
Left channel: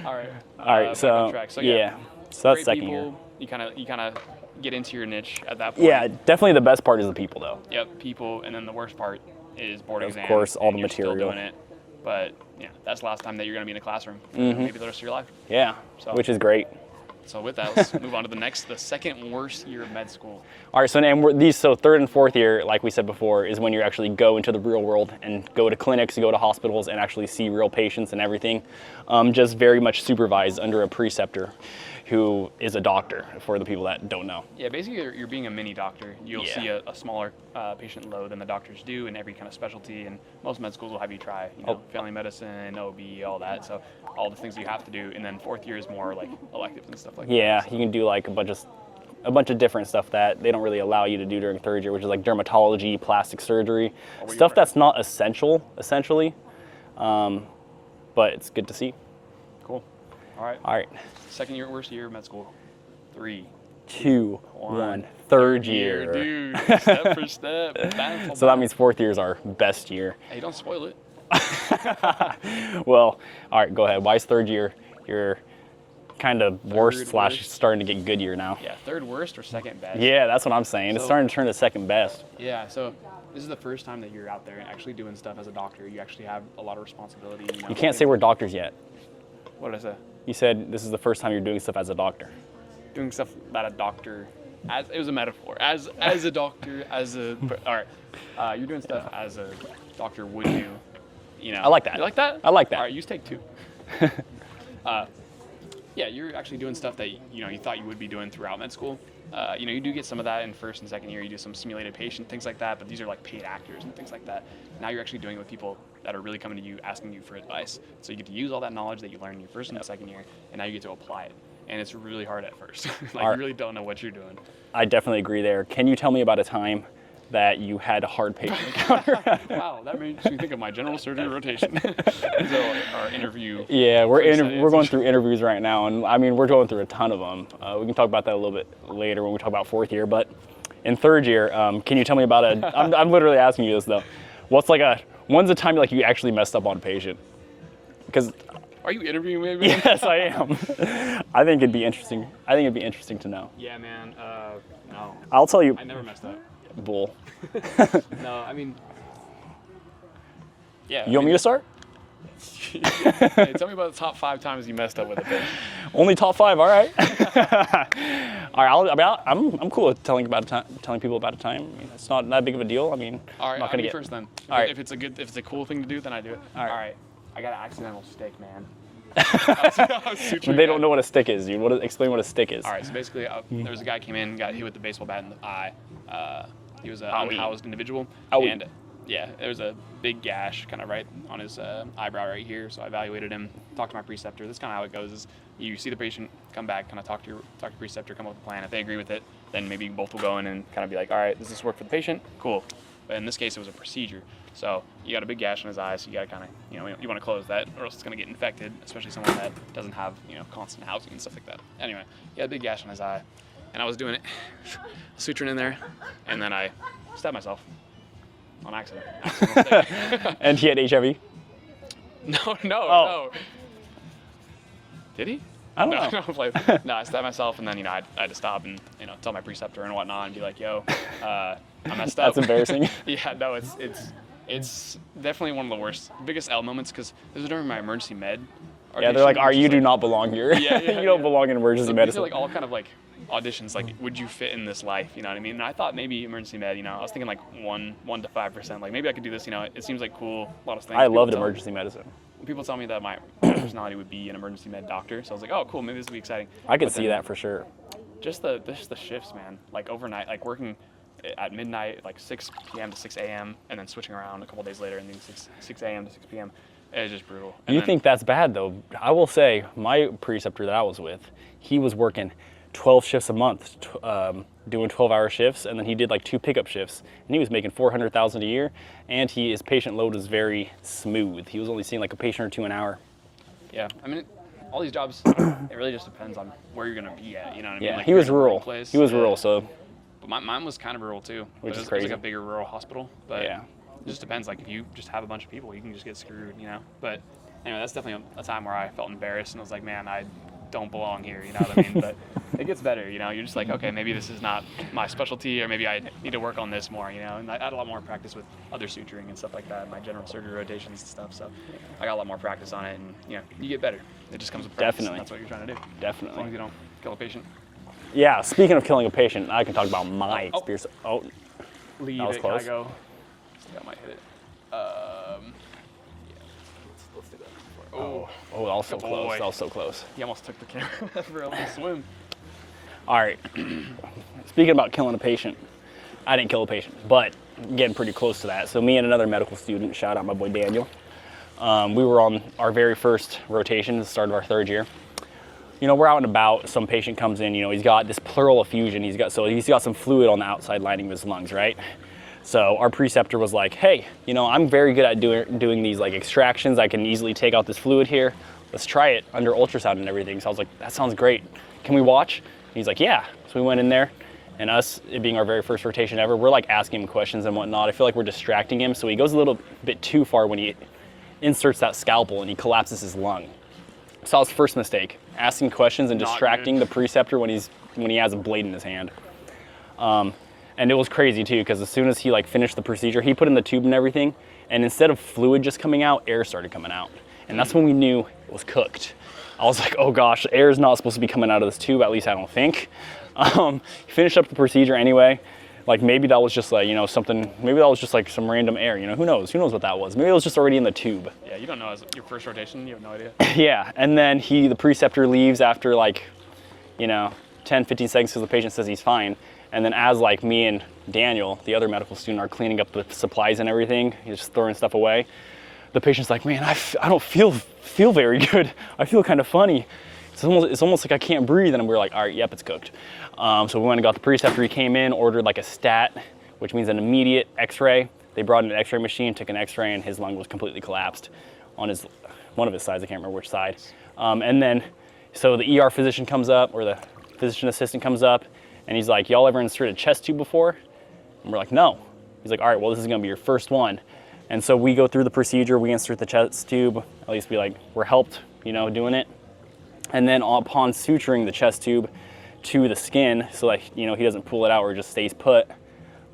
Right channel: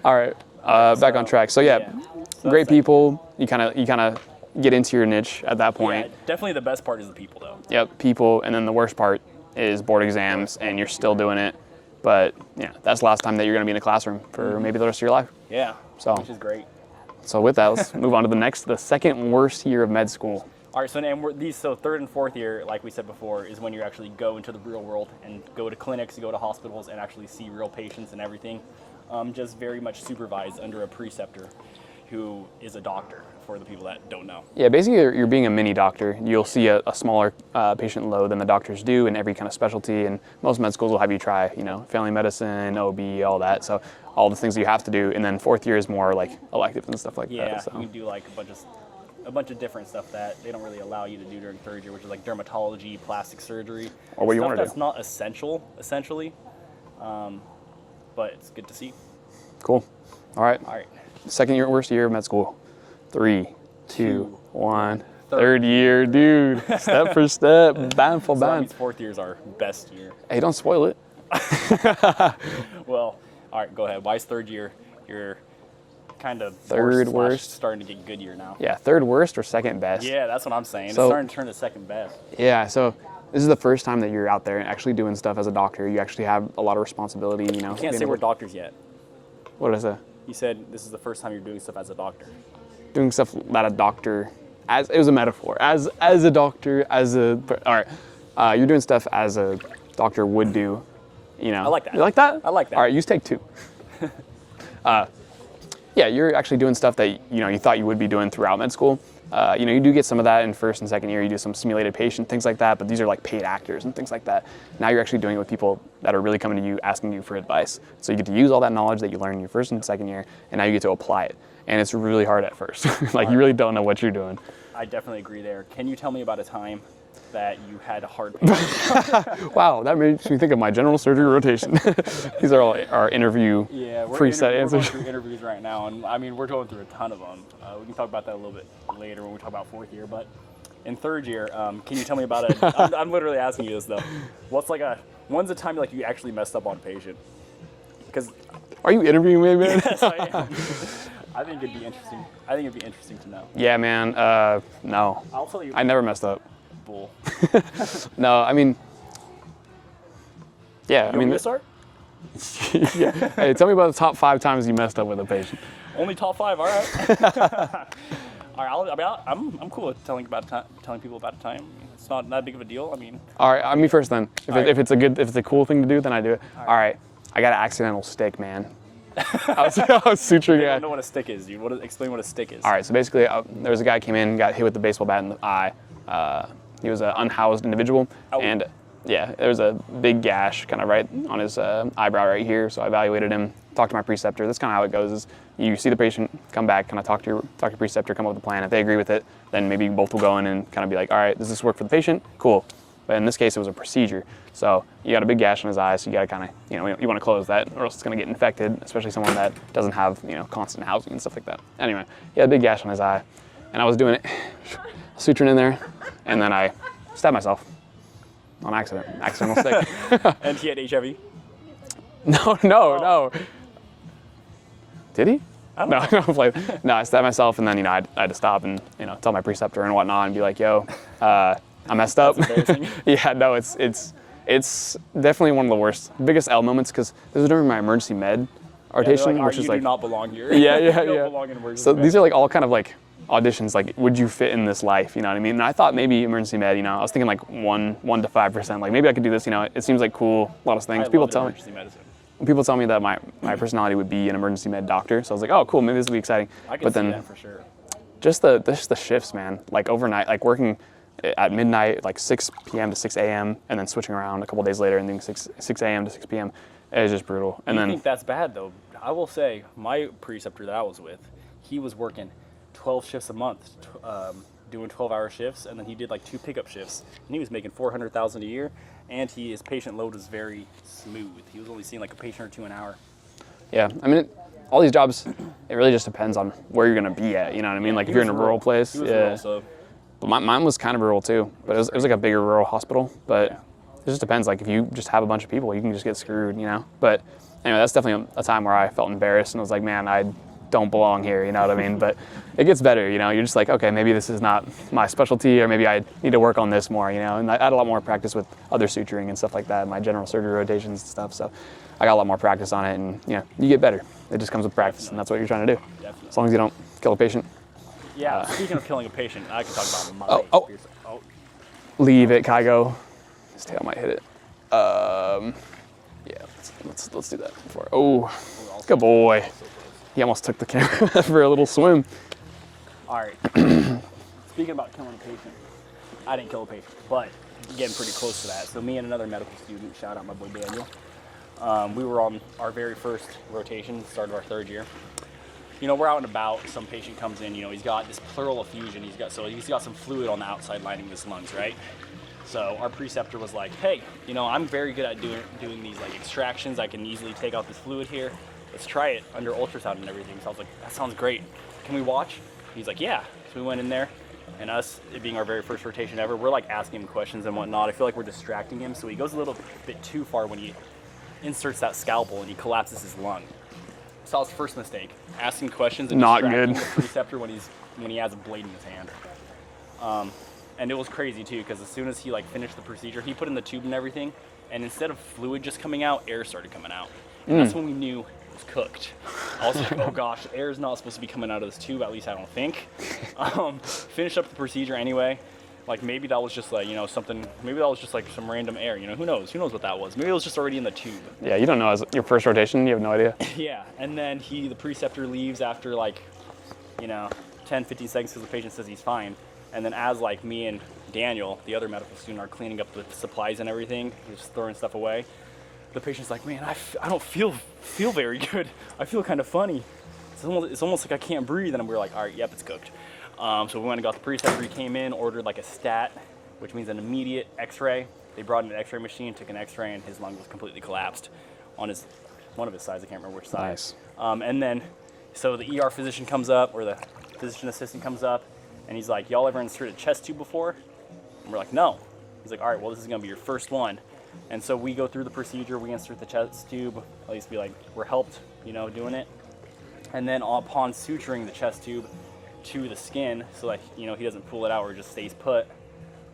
All right, All right, back on track. So yeah, So that's great second people. You kind of get into your niche at that point. year. Yeah, definitely the best part is the people though. Yep, people, and then the worst part is board exams, course, all and the you're still material. doing it. But yeah, that's the last time that you're gonna be in a classroom for maybe the rest of your life. Yeah, So- which is great. So with that, let's move on to the second worst year of med school. All right, so third and fourth year, like we said before, is when you actually go into the real world and go to clinics, go to hospitals, and actually see real patients and everything. Just very much supervised under a preceptor who is a doctor, for the people that don't know. Yeah, basically you're being a mini doctor. You'll Yeah. see a smaller patient load than the doctors do in every kind of specialty, and most med schools will have you try, family medicine, OB, all that. So all the things you have to do, and then fourth year is more like electives and stuff like Yeah, that. So. you can do like a bunch of different stuff that they don't really allow you to do during third year, which is like dermatology, plastic surgery, Or what you stuff wanna that's do. not essential, essentially. But it's good to see. Cool. All right. All right. Second year, worst year of med school. 3, 2, 1. Third Third year, dude. Step for step. Bam for So that bam. means fourth year is our best year. Hey, don't spoil it. Well, all right, go ahead. Why is third year your kind of Third worst / worst. starting to get good year now? Yeah, third worst or second best? Yeah, that's what I'm saying. So- It's starting to turn to second best. Yeah, so this is the first time that you're out there and actually doing stuff as a doctor. You actually have a lot of responsibility, You can't say we're doctors yet. What is it? You said this is the first time you're doing stuff as a doctor. Doing stuff that a doctor, it was a metaphor. As a doctor, all right. You're doing stuff as a doctor would do, I like that. You like that? I like that. All right, use take 2. Yeah, you're actually doing stuff that you thought you would be doing throughout med school. You do get some of that in first and second year. You do some simulated patient, things like that, but these are like paid actors and things like that. Now you're actually doing it with people that are really coming to you, asking you for advice. So you get to use all that knowledge that you learned in your first and second year, and now you get to apply it. And it's really hard at first. You really don't know what you're doing. I definitely agree there. Can you tell me about a time that you had a hard patient? Wow, that makes me think of my general surgery rotation. These are all our interview. Yeah, we're preset going answers. through interviews right now, and I mean, we're going through a ton of them. We can talk about that a little bit later when we talk about fourth year, but in third year, can you tell me about I'm literally asking you this though. When's the time like you actually messed up on a patient? Because Are you interviewing me, man? yes, I am. I think it'd be interesting. To know. Yeah, man. No, I'll tell you. I never messed up. Bull. No, I mean, yeah. You want me to start? Hey, tell me about the top 5 times you messed up with a patient. Only top 5. All right. All right. I'm cool with telling people about a time. I mean, it's not that big of a deal. I mean. All right, I'm not on gonna me get- first then. If it's a cool thing to do, then I do it. All All right. right. I got an accidental stick, man. I was suturing. They it. don't know what a stick is, dude. Explain what a stick is. All right, so basically, there was a guy came in, got hit with the baseball bat in the eye. He was an unhoused individual, Ow. and yeah, there was a big gash kind of right on his eyebrow right here. So I evaluated him, talk to my preceptor. That's kind of how it goes. Is you see the patient, come back, kind of talk to your preceptor, come up with a plan. If they agree with it, then maybe you both will go in and kind of be like, all right, does this work for the patient? Cool. But in this case, it was a procedure. So you got a big gash on his eye, so you got to kind of, you want to close that, or else it's going to get infected, especially someone that doesn't have, constant housing and stuff like that. Anyway, he had a big gash on his eye, and I was doing it, suturing in there, and then I stabbed myself on accident. Accidental stick. And he had HIV? No. Did he? I don't know. No, I stabbed myself, and then, I had to stop and, tell my preceptor and whatnot and be like, yo, I messed up. That's embarrassing. Yeah, no, it's definitely one of the worst, biggest L moments, because this was during my emergency med rotation. They're like, all right, you which is do not belong here. Yeah, You don't belong in emergency So medicine. these are like all kind of like auditions, like, would you fit in this life, you know what I mean? And I thought maybe emergency med, I was thinking like 1 to 5%, like maybe I could do this, it seems like cool, a lot of things. I love emergency medicine. People tell me that my personality would be an emergency med doctor, so I was like, oh, cool, maybe this would be exciting. I could But see then that for sure. Just the shifts, man, like overnight, like working at midnight, like 6 p.m. to 6 a.m., and then switching around a couple days later and then 6 a.m. to 6 p.m. It was just brutal. And You then, think that's bad though? I will say, my preceptor that I was with, he was working 12 shifts a month, doing 12-hour shifts, and then he did like 2 pickup shifts, and he was making $400,000 a year, and his patient load was very smooth. He was only seeing like a patient or 2 an hour. Yeah, I mean, all these jobs, it really just depends on where you're gonna be at. You know what I mean? Like he if you're was in a rural place. He was yeah. rural, so But mine was kind of rural too, but Which is it was like a bigger rural hospital. But Yeah. it just depends. Like if you just have a bunch of people, you can just get screwed, But anyway, that's definitely a time where I felt embarrassed and was like, man, I don't belong here. You know what I mean? But it gets better. You're just like, okay, maybe this is not my specialty, or maybe I need to work on this more. And I had a lot more practice with other suturing and stuff like that, my general surgery rotations and stuff. So I got a lot more practice on it, and you get better. It just comes with practice, Definitely. and that's what you're trying to do. definitely. As long as you don't kill a patient. Yeah, speaking of killing a patient, I can talk about my Oh. experience. Oh, Leave That it, was close. Kygo. His tail might hit it. Yeah, let's do that before. Oh, that was good boy. That was so close. He almost took the camera for a little swim. All right. Speaking about killing a patient, I didn't kill a patient, but getting pretty close to that. So me and another medical student, shout out my boy Daniel, we were on our very first rotation, the start of our 3rd year. We're out and about. Some patient comes in. He's got this pleural effusion. He's got some fluid on the outside lining of his lungs, right? So our preceptor was like, hey, I'm very good at doing these like extractions. I can easily take out this fluid here. Let's try it under ultrasound and everything. So I was like, that sounds great. Can we watch? And he's like, yeah. So we went in there, and us, it being our very first rotation ever, we're like asking him questions and whatnot. I feel like we're distracting him. So he goes a little bit too far when he inserts that scalpel and he collapses his lung. So that was the first mistake, asking questions and Not distracting good. the preceptor when he has a blade in his hand. And it was crazy too, because as soon as he finished the procedure, he put in the tube and everything, and instead of fluid just coming out, air started coming out. And that's when we knew it was cooked. I was like, oh gosh, air is not supposed to be coming out of this tube, at least I don't think. Finished up the procedure anyway. Maybe that was just something, maybe that was just some random air, who knows what that was. Maybe it was just already in the tube. Yeah, you don't know. As your first rotation, you have no idea. Yeah, and then the preceptor leaves after 10, 15 seconds because the patient says he's fine. And then as me and Daniel, the other medical student, are cleaning up the supplies and everything, he's just throwing stuff away, the patient's like, man, I don't feel very good. I feel kind of funny. It's almost like I can't breathe. And we're like, all right, yep, it's cooked. So we went and got the preceptor. He came in, ordered a stat, which means an immediate x-ray. They brought in an x-ray machine, took an x-ray, and his lung was completely collapsed on one of his sides. I can't remember which side. Nice. And then, so the ER physician comes up, or the physician assistant comes up, and he's like, y'all ever inserted a chest tube before? And we're like, no. He's like, all right, well, this is gonna be your first one. And so we go through the procedure, we insert the chest tube, at least we're helped, doing it. And then upon suturing the chest tube to the skin, so he doesn't pull it out or just stays put,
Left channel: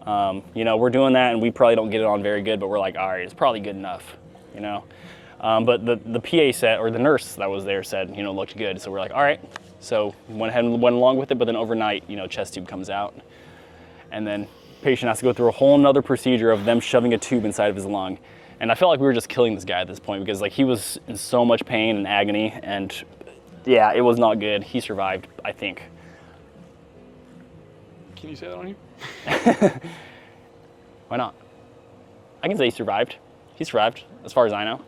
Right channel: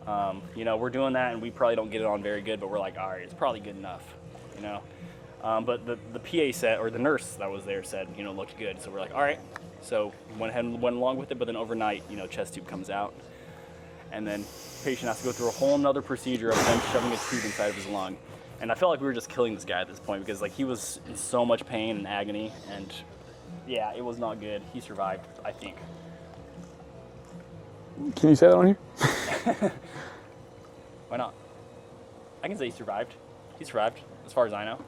we're doing that, and we probably don't get it on very good, but we're like, all right, it's probably good enough, But the PA said, or the nurse that was there said, looked good. So we're like, all right. So went ahead and went along with it, but then overnight, chest tube comes out. And then patient has to go through a whole nother procedure of them shoving a tube inside of his lung. And I felt like we were just killing this guy at this point, because he was in so much pain and agony, and yeah, it was not good. He survived, I think. Can you say that on here? Why not? I can say he survived. He survived, as far as I know.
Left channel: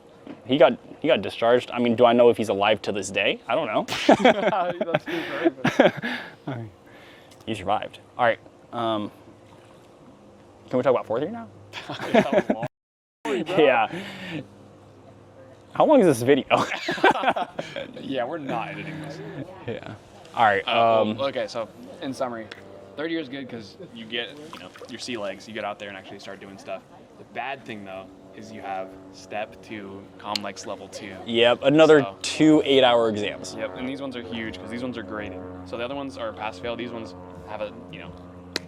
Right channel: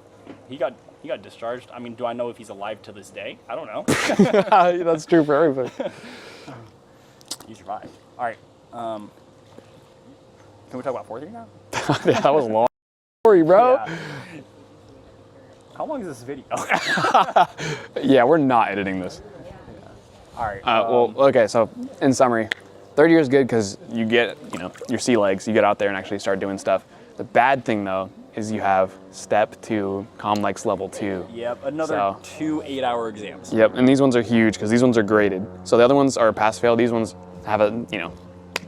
He got He got discharged. I mean, do I know if he's alive to this day? I don't know. That's true for everybody. He survived. All right. Can we talk about fourth year now? Yeah, that was a long story, bro. Yeah. How long is this video? Yeah, we're not editing this. Yeah. All right. Okay, so in summary, third year is good because you get, your sea legs. You get out there and actually start doing stuff. The bad thing, though, is you have step 2, ComLex level 2. Yep. Another So- 2 8-hour exams. Yep, and these ones are huge because these ones are graded. So the other ones are pass-fail. These ones have a,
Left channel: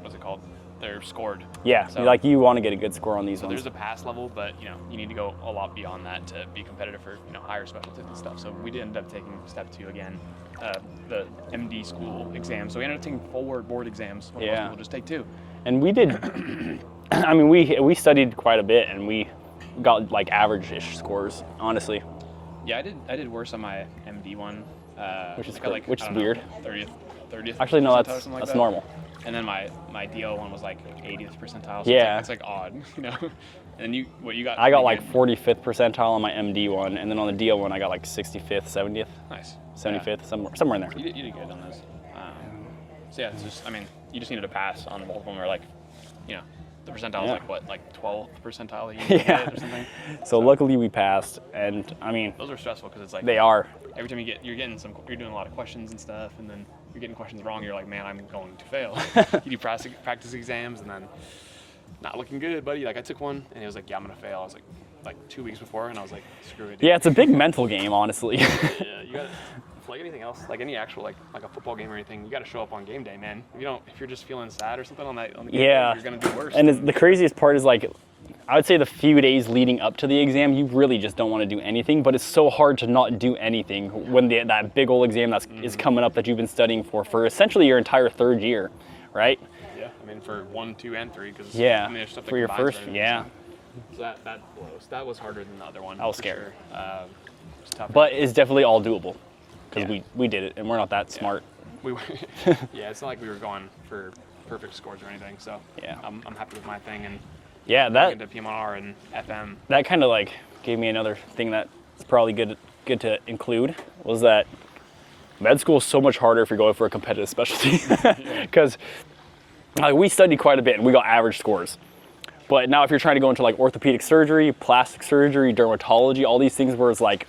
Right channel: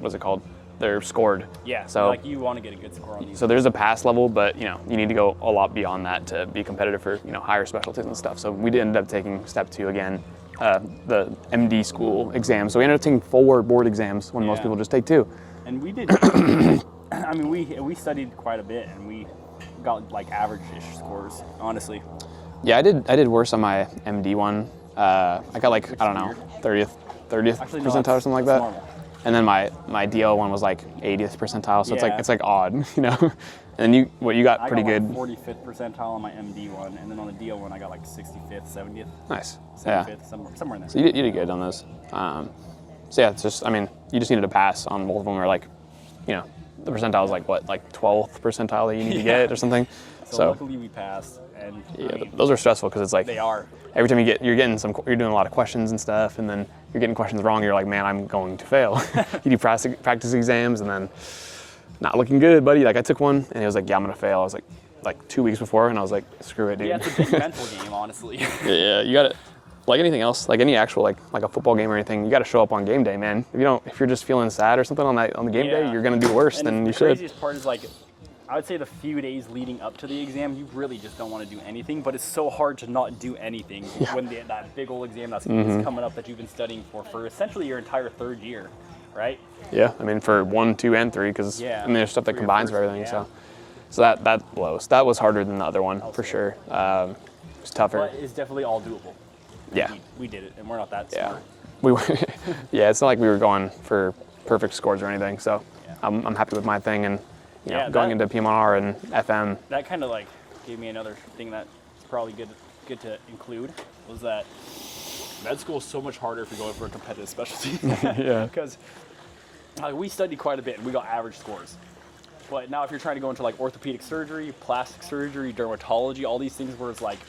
what's it called? They're scored. Yeah. So Like you want to get a good score on these. So there's a pass level, but you need to go a lot beyond that to be competitive for higher specialties and stuff. So we ended up taking step 2 again, the MD school exam. So we ended up taking 4 board exams when most Yeah. people just take 2. And we did. I mean, we studied quite a bit, and we got like average-ish scores, honestly. Yeah, I did worse on my MD one. I got like which I is don't know, weird. 30th Actually, no, percentile that's, or something like that's that. normal. And then my DO one was like 80th percentile, so Yeah. it's like odd, And then you got I got pretty like good. 45th percentile on my MD one, and then on the DO one, I got like 65th, 70th, Nice. 75th, Yeah. somewhere in there. So you did good on those. So yeah, it's just you just needed to pass on both of them, or like, the percentile is Yeah. like 12th percentile that you need to get or something. So luckily we passed, and I mean, those are stressful because it's like they are. every time you're doing a lot of questions and stuff, and then you're getting questions wrong. You're like, man, I'm going to fail. You do practice exams, and then not looking good, buddy. Like I took one, and it was like, yeah, I'm gonna fail. I was like 2 weeks before, and I was like, screw it, dude. Yeah, it's a big mental game, honestly. Yeah, you got to, like anything else, like any actual like a football game or anything, you got to show up on game day, man. If you're just feeling sad or something on the game day, you're gonna do worse. And than the you should. craziest part is like, I would say the few days leading up to the exam, you really just don't want to do anything. But it's so hard to not do anything when that big old exam is coming up that you've been studying for essentially your entire third year, right? Yeah, I mean for 1, 2, and 3, because there's stuff that For your combines first, for everything. yeah. So that blows. That was harder than the other one was for scary. sure. It was tougher. But it's definitely all doable. Yeah. We did it, and we're not that smart. We were, yeah, it's not like we were going for perfect scores or anything. So Yeah. I'm happy with my thing, and Yeah, going into PM1R and FM. That kind of like gave me another thing that's probably good to include, was that med school is so much harder if you're going for a competitive specialty. Because we studied quite a bit and we got average scores. But now if you're trying to go into like orthopedic surgery, plastic surgery, dermatology, all these things where it's like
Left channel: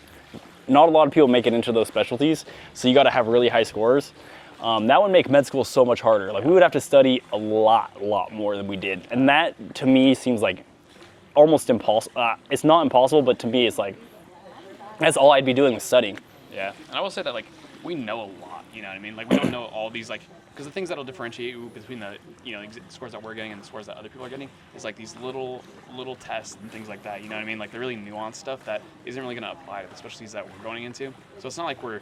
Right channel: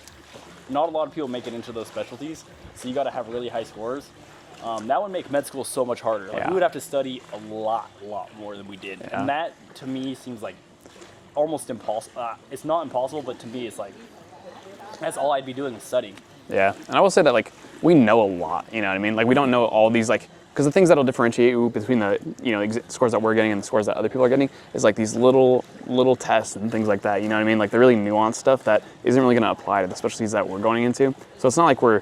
not a lot of people make it into those specialties, so you got to have really high scores. That would make med school so much harder. Like we would have to study a lot more than we did, and that to me seems like almost impossible. It's not impossible, but to me it's like that's all I'd be doing was studying. Yeah, and I will say that like we know a lot. You know what I mean? Like we don't know all these like. Because the things that'll differentiate you between the scores that we're getting and the scores that other people are getting is like these little tests and things like that. You know what I mean? Like the really nuanced stuff that isn't really going to apply to the specialties that we're going into. So it's not like we're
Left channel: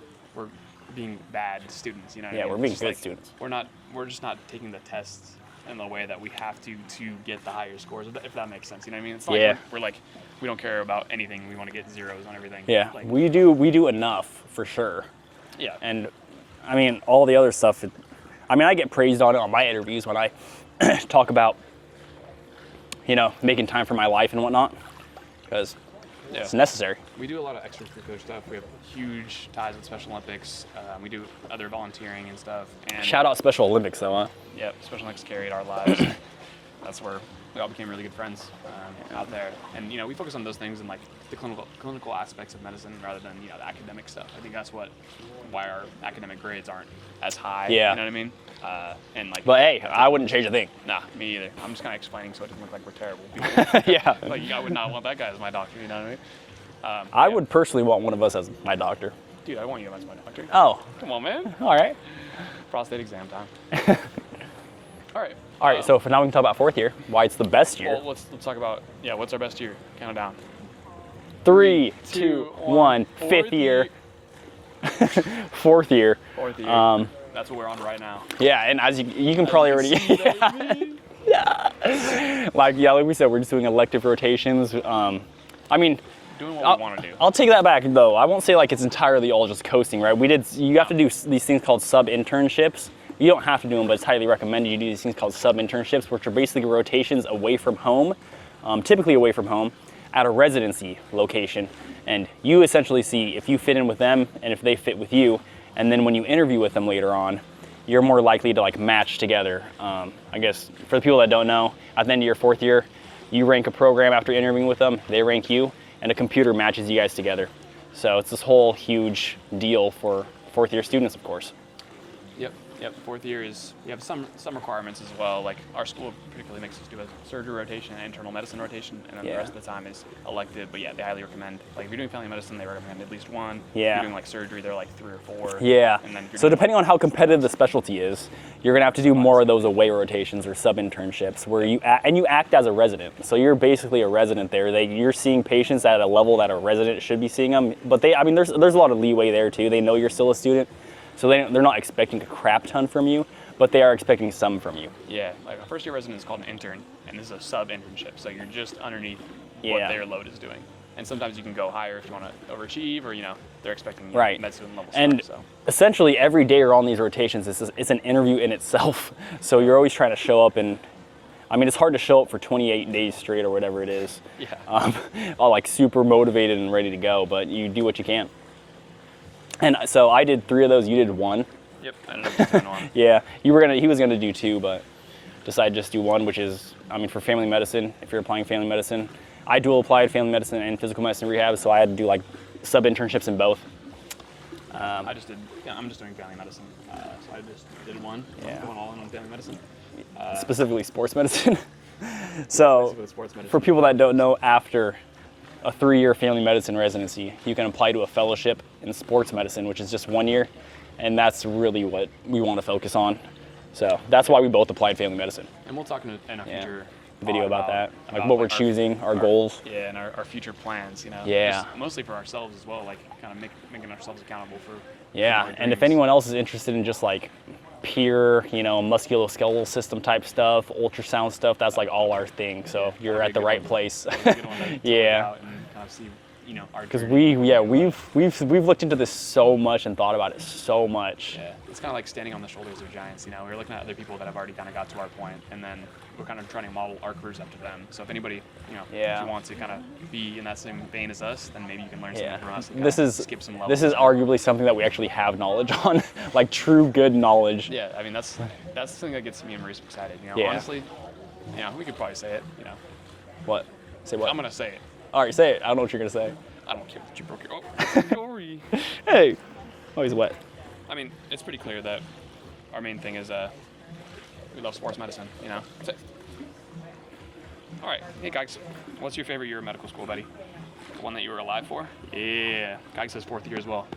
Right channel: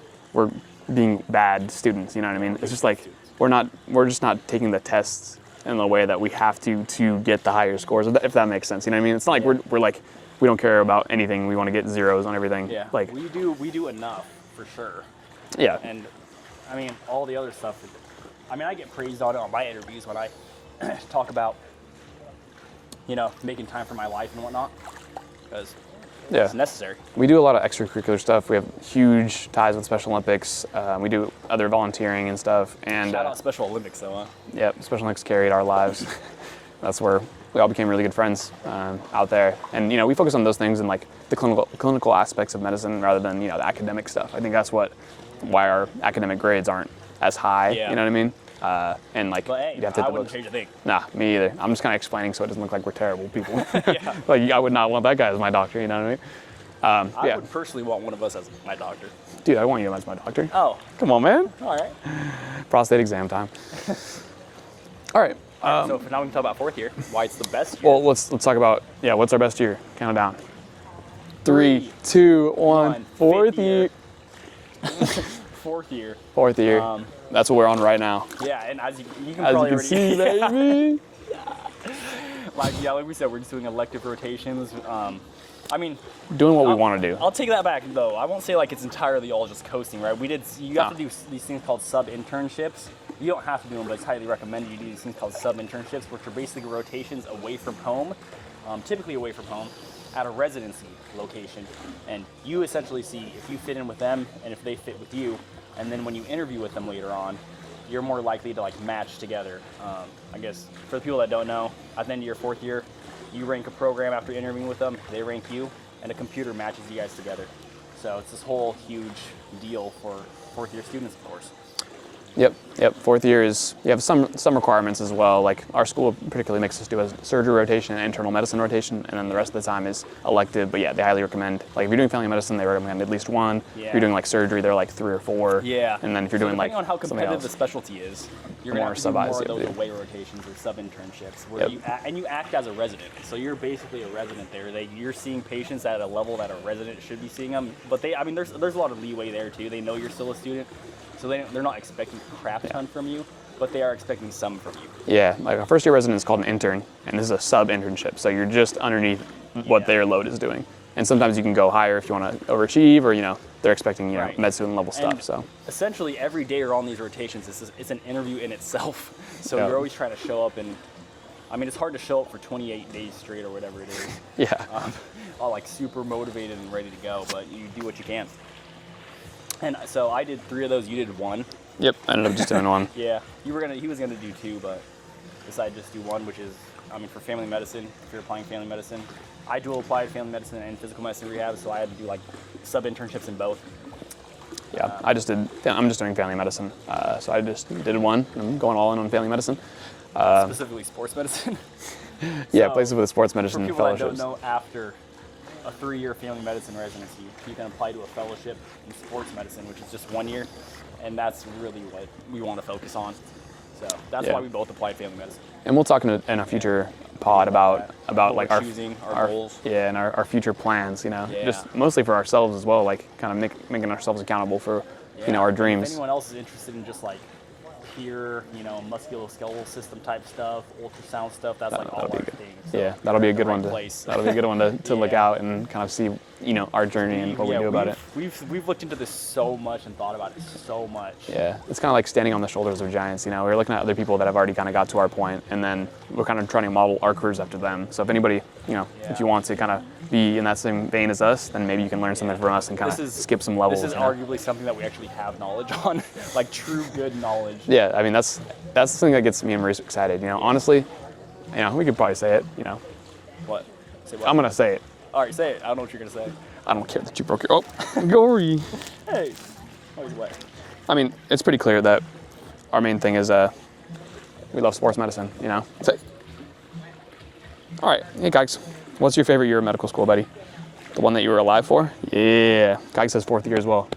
being bad students. You know what I mean? We're It's just being like good students. we're just not taking the tests in the way that we have to get the higher scores. If that makes sense. You know what I mean? It's not like we're like we don't care about anything. We want to get zeros on everything. Yeah, Like we do enough for sure. yeah. And I mean all the other stuff. I get praised on it on my interviews when I talk about, making time for my life and whatnot, because it's necessary. We do a lot of extracurricular stuff. We have huge ties with Special Olympics. We do other volunteering and stuff. And Shout out Special Olympics though, huh? Yep, Special Olympics carried our lives. That's where we all became really good friends out there. And we focus on those things and like the clinical aspects of medicine rather than the academic stuff. I think that's why our academic grades aren't as high. Yeah. You know what I mean? And like, But hey, you gotta take I the wouldn't most. change a thing. Nah, me either. I'm just kind of explaining so it doesn't look like we're terrible people. Yeah. Like I would not want that guy as my doctor. You know what I mean? I would personally want one of us as my doctor. Dude, I want you as my doctor. Oh, Come on, man. all right. Prostate exam time. All right. All right, so for now we can talk about fourth year, why it's the best year. Well, let's talk about what's our best year? Count it down. 3, 2, 1. Fourth Fifth year. Fourth year. Fourth year. That's what we're on right now. Yeah, and as you can As probably you already can see, baby. like we said, we're just doing elective rotations. Doing what we want to do. I'll take that back though. I won't say like it's entirely all just coasting, right? You have to do these things called sub-internships. You don't have to do them, but it's highly recommended you do these things called sub-internships, which are basically rotations away from home, typically away from home. at a residency location, and you essentially see if you fit in with them and if they fit with you, and then when you interview with them later on, you're more likely to like match together. I guess for the people that don't know, at the end of your 4th year, you rank a program after interviewing with them, they rank you, and a computer matches you guys together. So it's this whole huge deal for 4th year students, of course. Yep. 4th year is, you have some requirements as well. Like our school particularly makes us do a surgery rotation and internal medicine rotation, and then the rest of the time is elective. But yeah, they highly recommend, like if you're doing family medicine, they recommend at least 1. If you're doing like surgery, they're like 3 or 4. Yeah. And then if you're so doing depending like on how competitive the else, specialty is, you're gonna have to do more of those away rotations or sub-internships where you act as a resident. So you're basically a resident there. You're seeing patients at a level that a resident should be seeing them. But there's a lot of leeway there too. They know you're still a student, so they're not expecting a crap ton from you, but they are expecting some from you. Yeah, like a first year resident is called an intern, and this is a sub-internship. So you're just underneath what their load is doing. And sometimes you can go higher if you want to overachieve, or they're expecting med student level stuff. And so essentially every day you're on these rotations, it's an interview in itself. So you're always trying to show up, and I mean it's hard to show up for 28 days straight or whatever it is. All like super motivated and ready to go, but you do what you can. And so I did 3 of those. You did 1. Yep, I ended up just doing 1. Yeah, he was gonna do 2, but decided just do 1, which is, I mean, for family medicine. If you're applying family medicine, I dual applied family medicine and physical medicine rehab, so I had to do like sub internships in both. Yeah, I'm just doing family medicine, so I just did 1. I'm going all in on family medicine. Specifically sports medicine. So, places with sports medicine. For people that don't know, after a 3-year family medicine residency, you can apply to a fellowship in sports medicine, which is just 1 year, and that's really what we want to focus on. So that's why we both applied family medicine. And we'll talk in a future pod about what like we're choosing, our goals. Yeah, and our future plans. Yeah. Just mostly for ourselves as well, like kind of making ourselves accountable for our dreams. And if anyone else is interested in just like pure, musculoskeletal system type stuff, ultrasound stuff, that's like all our thing. So you're at the right place. That'll be a good one to look out and kind of see, our journey. We've looked into this so much and thought about it so much. Yeah, it's kind of like standing on the shoulders of giants. We're looking at other people that have already kind of got to our point, and then we're kind of trying to model our careers after them. So if anybody, if you want to kind of be in that same vein as us, then maybe you can learn something from us and kind of skip some levels. This is arguably something that we actually have knowledge on, like true good knowledge. Yeah, I mean that's the thing that gets me and Maurice excited. Honestly, we could probably say it. What? Say what? I'm gonna say it. All right, say it. I don't know what you're gonna say. I don't care that you broke your. Oh, Gory. Hey. Oh, he's wet. I mean, it's pretty clear that our main thing is we love sports medicine. Safe. All right, hey Kikes, what's your favorite year of medical school, buddy? The one that you were alive for? Yeah. Kikes says 4th year as well.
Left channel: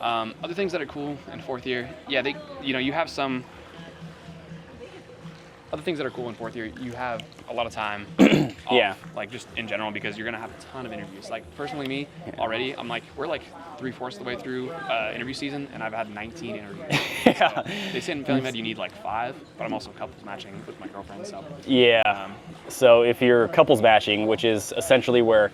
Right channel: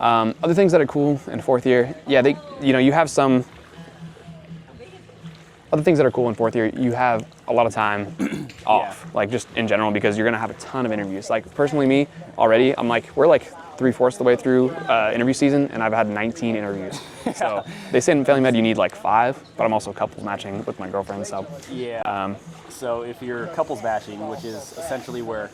Other things that are cool in 4th year, you have some. Other things that are cool in 4th year, you have a lot of time off, like just in general, because you're gonna have a ton of interviews. Like personally, me already, we're like 3/4 of the way through interview season, and I've had 19 interviews. So they say in family med you need like 5, but I'm also couples matching with my girlfriend, so. Yeah. So if you're couples matching, which is essentially where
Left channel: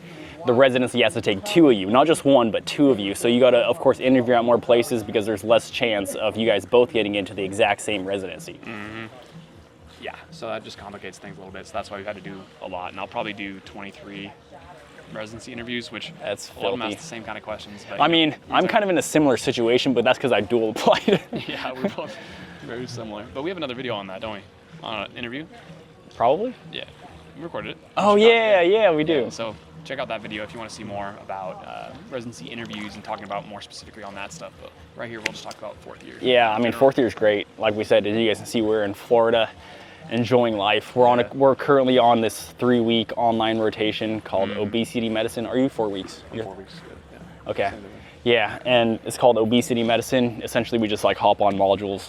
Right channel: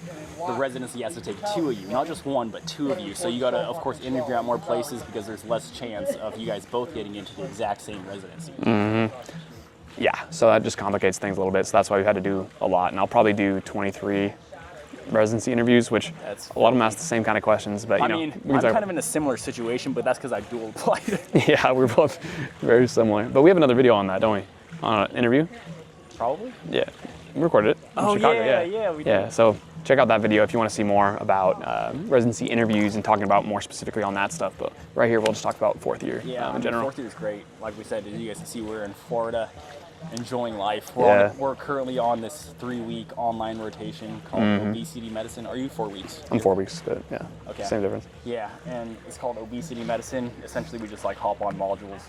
the residency has to take 2 of you, not just 1, but 2 of you. So you got to, of course, interview at more places because there's less chance of you guys both getting into the exact same residency. Mm-hmm. Yeah, so that just complicates things a little bit. So that's why we've had to do a lot. And I'll probably do 23 residency interviews, which a lot of them ask the same kind of questions. But I'm kind of in a similar situation, but that's because I dual applied. Yeah, we're both very similar. But we have another video on that, don't we? On an interview? Probably. Yeah, we recorded it. Oh, yeah, we do. Yeah, so check out that video if you want to see more about residency interviews and talking about more specifically on that stuff. But right here, we'll just talk about 4th year. Yeah, 4th year is great. Like we said, as you guys can see, we're in Florida, enjoying life. We're currently on this 3-week online rotation called obesity medicine. Are you 4 weeks? I'm 4 weeks, but yeah. Okay. Same difference. Yeah, and it's called obesity medicine. Essentially, we just like hop on modules,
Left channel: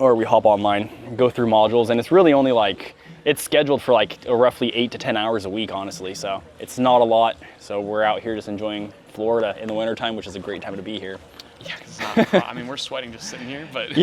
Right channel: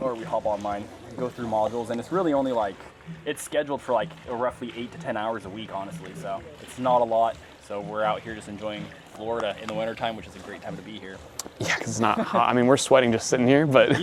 or we hop online, go through modules, and it's really only it's scheduled for like roughly 8 to 10 hours a week, honestly. So it's not a lot. So we're out here just enjoying Florida in the wintertime, which is a great time to be here. Yeah, because it's not hot. I mean, we're sweating just sitting here, but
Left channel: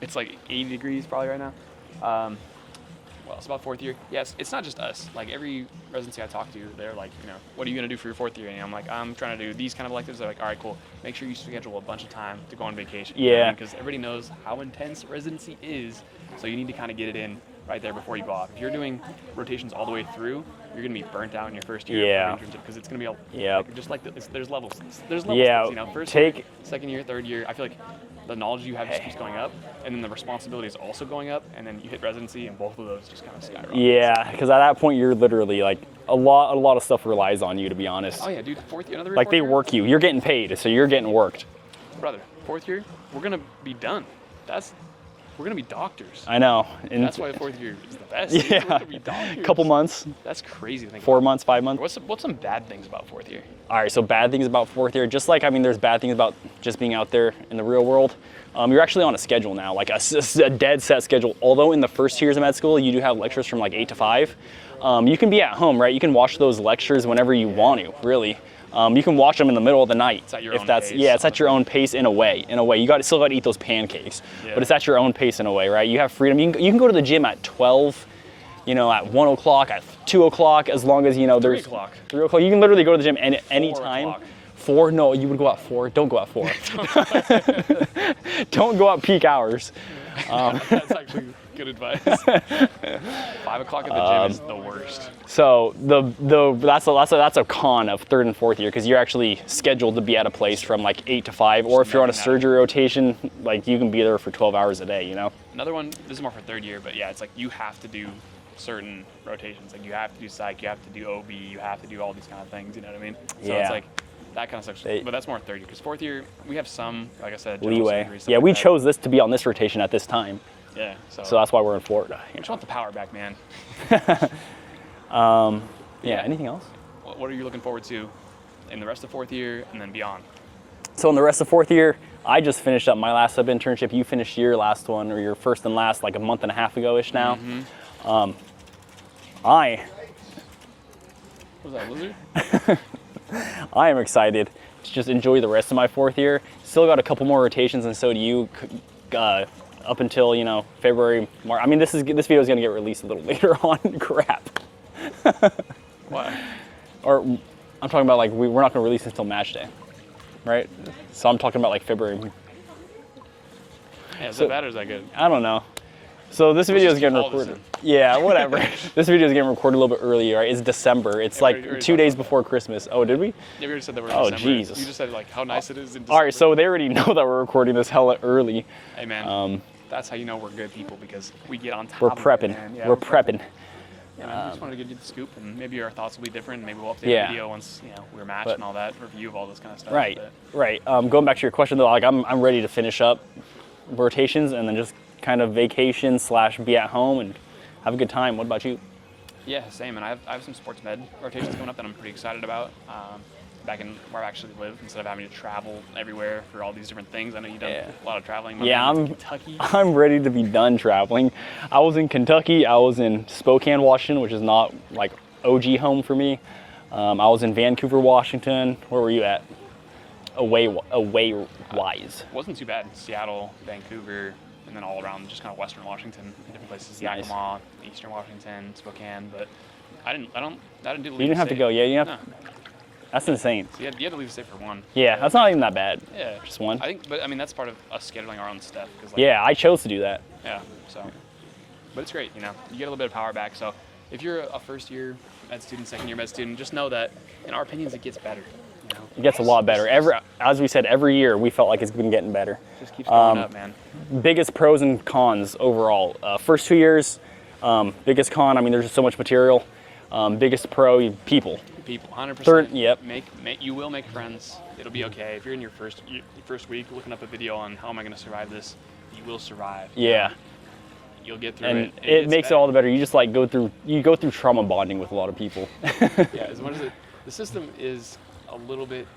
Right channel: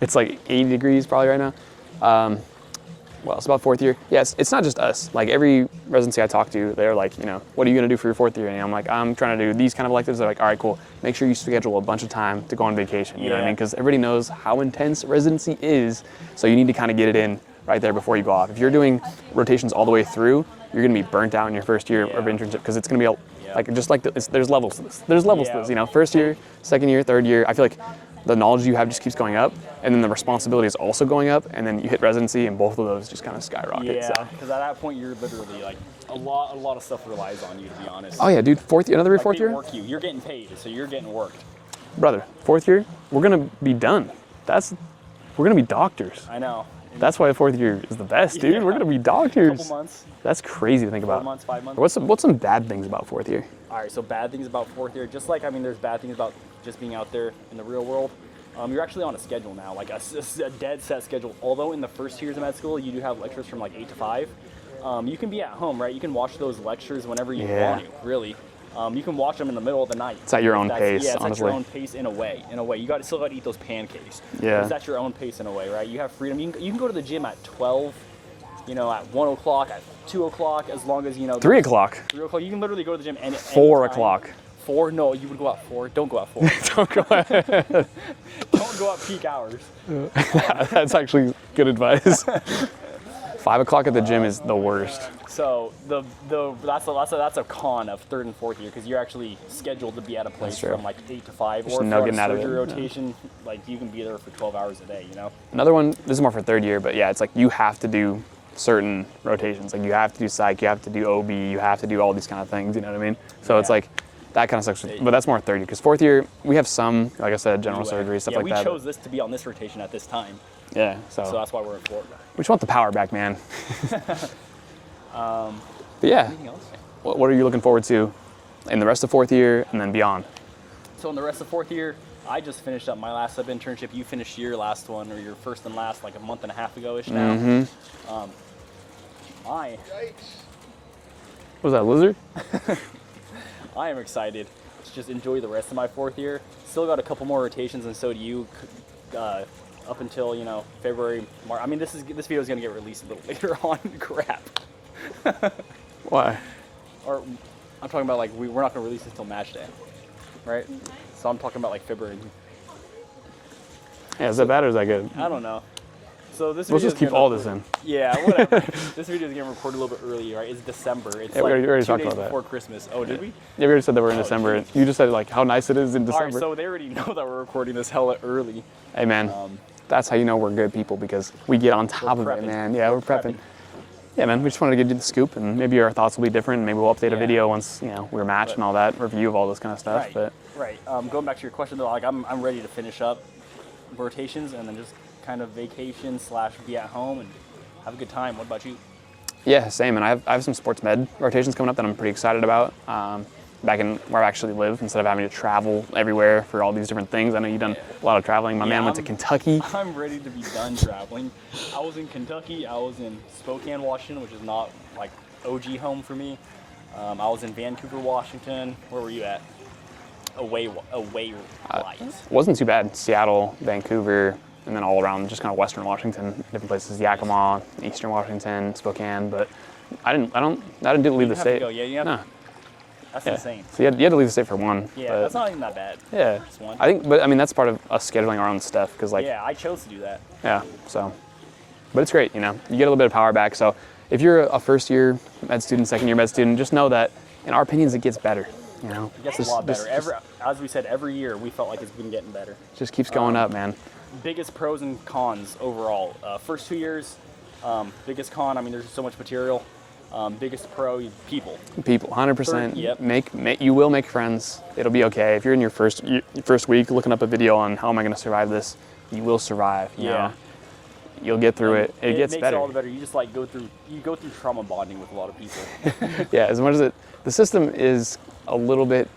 it's like 80 degrees probably right now. Well, it's about 4th year. Yes, it's not just us. Like every residency I talk to, they're like, what are you gonna do for your 4th year? And I'm like, I'm trying to do these kind of electives. They're like, all right, cool. Make sure you schedule a bunch of time to go on vacation. You know what I mean? Because everybody knows how intense residency is. So you need to kind of get it in right there before you go off. If you're doing rotations all the way through, you're going to be burnt out in your first year Yeah. of internship because it's going to be Yeah. like just like there's levels. There's levels. Yeah. To this, you know, first year, second year, third year. I feel like the knowledge you have just keeps going up, and then the responsibility is also going up, and then you hit residency, and both of those just kind of skyrocket. Yeah, because at that point you're literally like a lot of stuff relies on you, to be honest. Oh yeah, dude. Fourth year, another like fourth they year. work you. You're getting paid, so you're getting worked. Brother, fourth year, we're gonna be done. We're gonna be doctors. I know. And That's why fourth year is the best, dude. Yeah. We're gonna be doctors. couple months, That's crazy to think 4 about. months, 5 months. What's some bad things about fourth year? All right, so bad things about fourth year, just like, I mean, there's bad things about just being out there in the real world. You're actually on a schedule now, like a dead set schedule. Although in the first 2 years of med school, you do have lectures from like 8 to 5. You can be at home, right? You can watch those lectures whenever you want to, really. You can watch them in the middle of the night. It's at your own pace, Yeah, it's at your honestly. own pace in a way. Still got to eat those pancakes. Yeah. But it's at your own pace in a way, right? You have freedom. You can go to the gym at 12, you know, at 1 o'clock, at 2 o'clock, as long as, you know. 3 o'clock. 3 o'clock. You can literally go to the gym any 4 time. o'clock. 4? No, you would go at 4. Don't go at 4. Don't go at peak hours. That's actually good advice. 5 o'clock at the gym is the worst. So that's a con of third and fourth year, because you're actually scheduled to be at a place from like 8 to 5, or if you're on a nugging out of surgery it. rotation, like you can be there for 12 hours a day, you know? Another one, this is more for third year, but yeah, it's like you have to do certain rotations. Like you have to do psych, you have to do OB, you have to do all these kind of things, you know what I mean? So it's Yeah. like, that kind of sucks. But that's more third year, because fourth year, we have some, like I said, general Leeway. surgery, stuff Yeah, like we that. chose this to be on this rotation at this time, Yeah, so so that's why we're in Florida. we just want the power back, man. But yeah, Anything else? what are you looking forward to in the rest of fourth year and then beyond? So in the rest of fourth year, I just finished up my last sub internship. You finished your last one, or your first and last, like a month and a half ago-ish now. Mm-hmm. I What was that, lizard? I am excited to just enjoy the rest of my fourth year. Still got a couple more rotations, and so do you. Up until, you know, February, March. I mean, this video is gonna get released a little later on. Crap. Why? Or I'm talking about like we're not gonna release until match day, right? So I'm talking about like February. Yeah, is that bad or is that good? I don't know. So this Let's video just is keep getting all this recorded. in. Yeah, whatever. This video is getting recorded a little bit early, right? It's December. It's Yeah, like we already 2 talked days about that. before Christmas. Oh, did we? Yeah, we already said that we're in Oh, December. Jesus. You just said like how nice it is in December. All right, so they already know that we're recording this hella early. Hey man, that's how you know we're good people, because we get on top We're of prepping. it, man. Yeah, we're prepping. Yeah, man. We just wanted to give you the scoop, and maybe our thoughts will be different. Maybe we'll update Yeah. a video once we're matched and all that, review of all this kind of stuff. Right, But right. Going back to your question though, like I'm ready to finish up rotations and then just kind of vacation / be at home and have a good time. What about you? yeah, same. And I have some sports med rotations coming up that I'm pretty excited about. Back in where I actually live, instead of having to travel everywhere for all these different things. I know you've done a lot of traveling. My Yeah, man went to I'm- Kentucky. I'm ready to be done traveling. I was in Kentucky. I was in Spokane, Washington, which is not like OG home for me. I was in Vancouver, Washington. Where were you at? Away wise. Wasn't too bad. Seattle, Vancouver, and then all around just kind of Western Washington, different places. Yakima, Eastern Washington, Spokane. But I didn't leave You the didn't have state. to go. Yeah, you have. No. That's insane. So you had to leave the state for one. Yeah, but- that's not even that bad. Yeah, Just one. I think, but I mean that's part of us scheduling our own stuff, because like Yeah, I chose to do that. yeah, so, but it's great, you know, you get a little bit of power back. So if you're a first year med student, second year med student, just know that in our opinions it gets better. You know, It gets a lot better. As we said, every year we felt like it's been getting better. just keeps going up, man. Biggest pros and cons overall. First 2 years, biggest con, I mean, there's just so much material. Biggest pro, people. People, 100%. Third, yep. You will make friends. It'll be okay. If you're in your first week looking up a video on how am I going to survive this, you will survive. you Yeah. know. You'll get through And it. it gets makes better. it all the better. You just like go through trauma bonding with a lot of people. Yeah, as much as the system is a little bit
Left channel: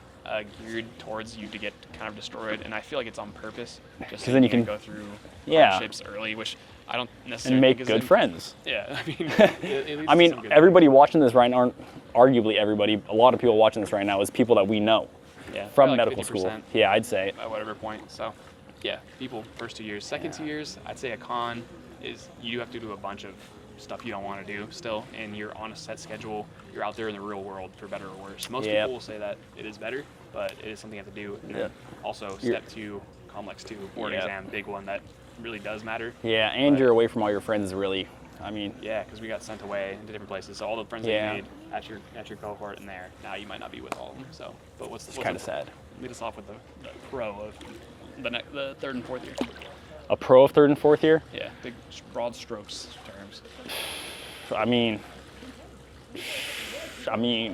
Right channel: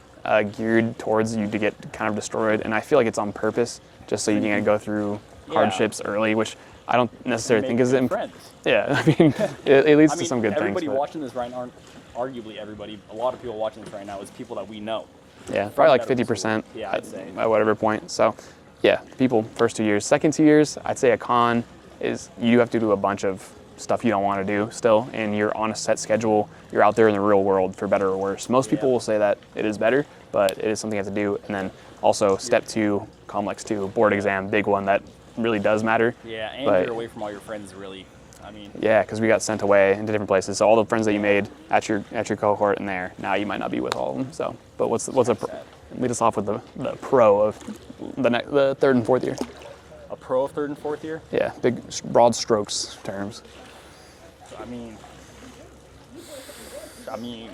geared towards you to get kind of destroyed, and I feel like it's on purpose, just so you then you can can- go through Yeah. hardships early, which I don't And necessarily make think is good friends. Yeah, I mean, it leads I to some mean, good everybody things, but- watching this right now, arguably everybody, a lot of people watching this right now is people that we know. Yeah, From probably like medical 50% school. Yeah, I'd say. at whatever point. So, yeah, people first 2 years. Second 2 years, I'd say a con is you have to do a bunch of stuff you don't want to do still, and you're on a set schedule. You're out there in the real world for better or worse. Most Yeah. people will say that it is better, but it is something you have to do. And then also step 2, Complex 2, board Yeah. exam, big one that really does matter. Yeah, and But- you're away from all your friends really I mean, Yeah, because we got sent away into different places. So all the friends that you Yeah. made at your cohort and there, now you might not be with all of them. So, but what's a kinda pro- sad. lead us off with the pro of the third and fourth year? a pro of 3rd and 4th year. Yeah, big broad strokes terms. I mean, I mean,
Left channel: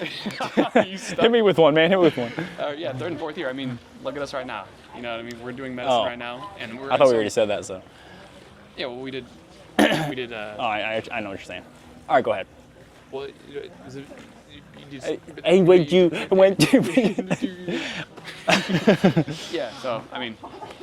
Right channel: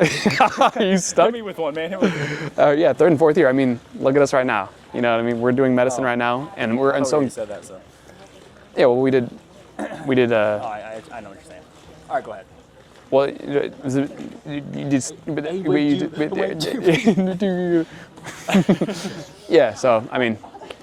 You hit me with one, man. Hit me with one. Yeah, third and fourth year. I mean, look at us right now. You know what I mean? We're doing medicine Oh. right now, and we're I and thought we so already said that, so. yeah. Well, we did. We did. Oh, I know what you're saying. All right, go ahead. Well, is it, you just. Yeah. So I mean,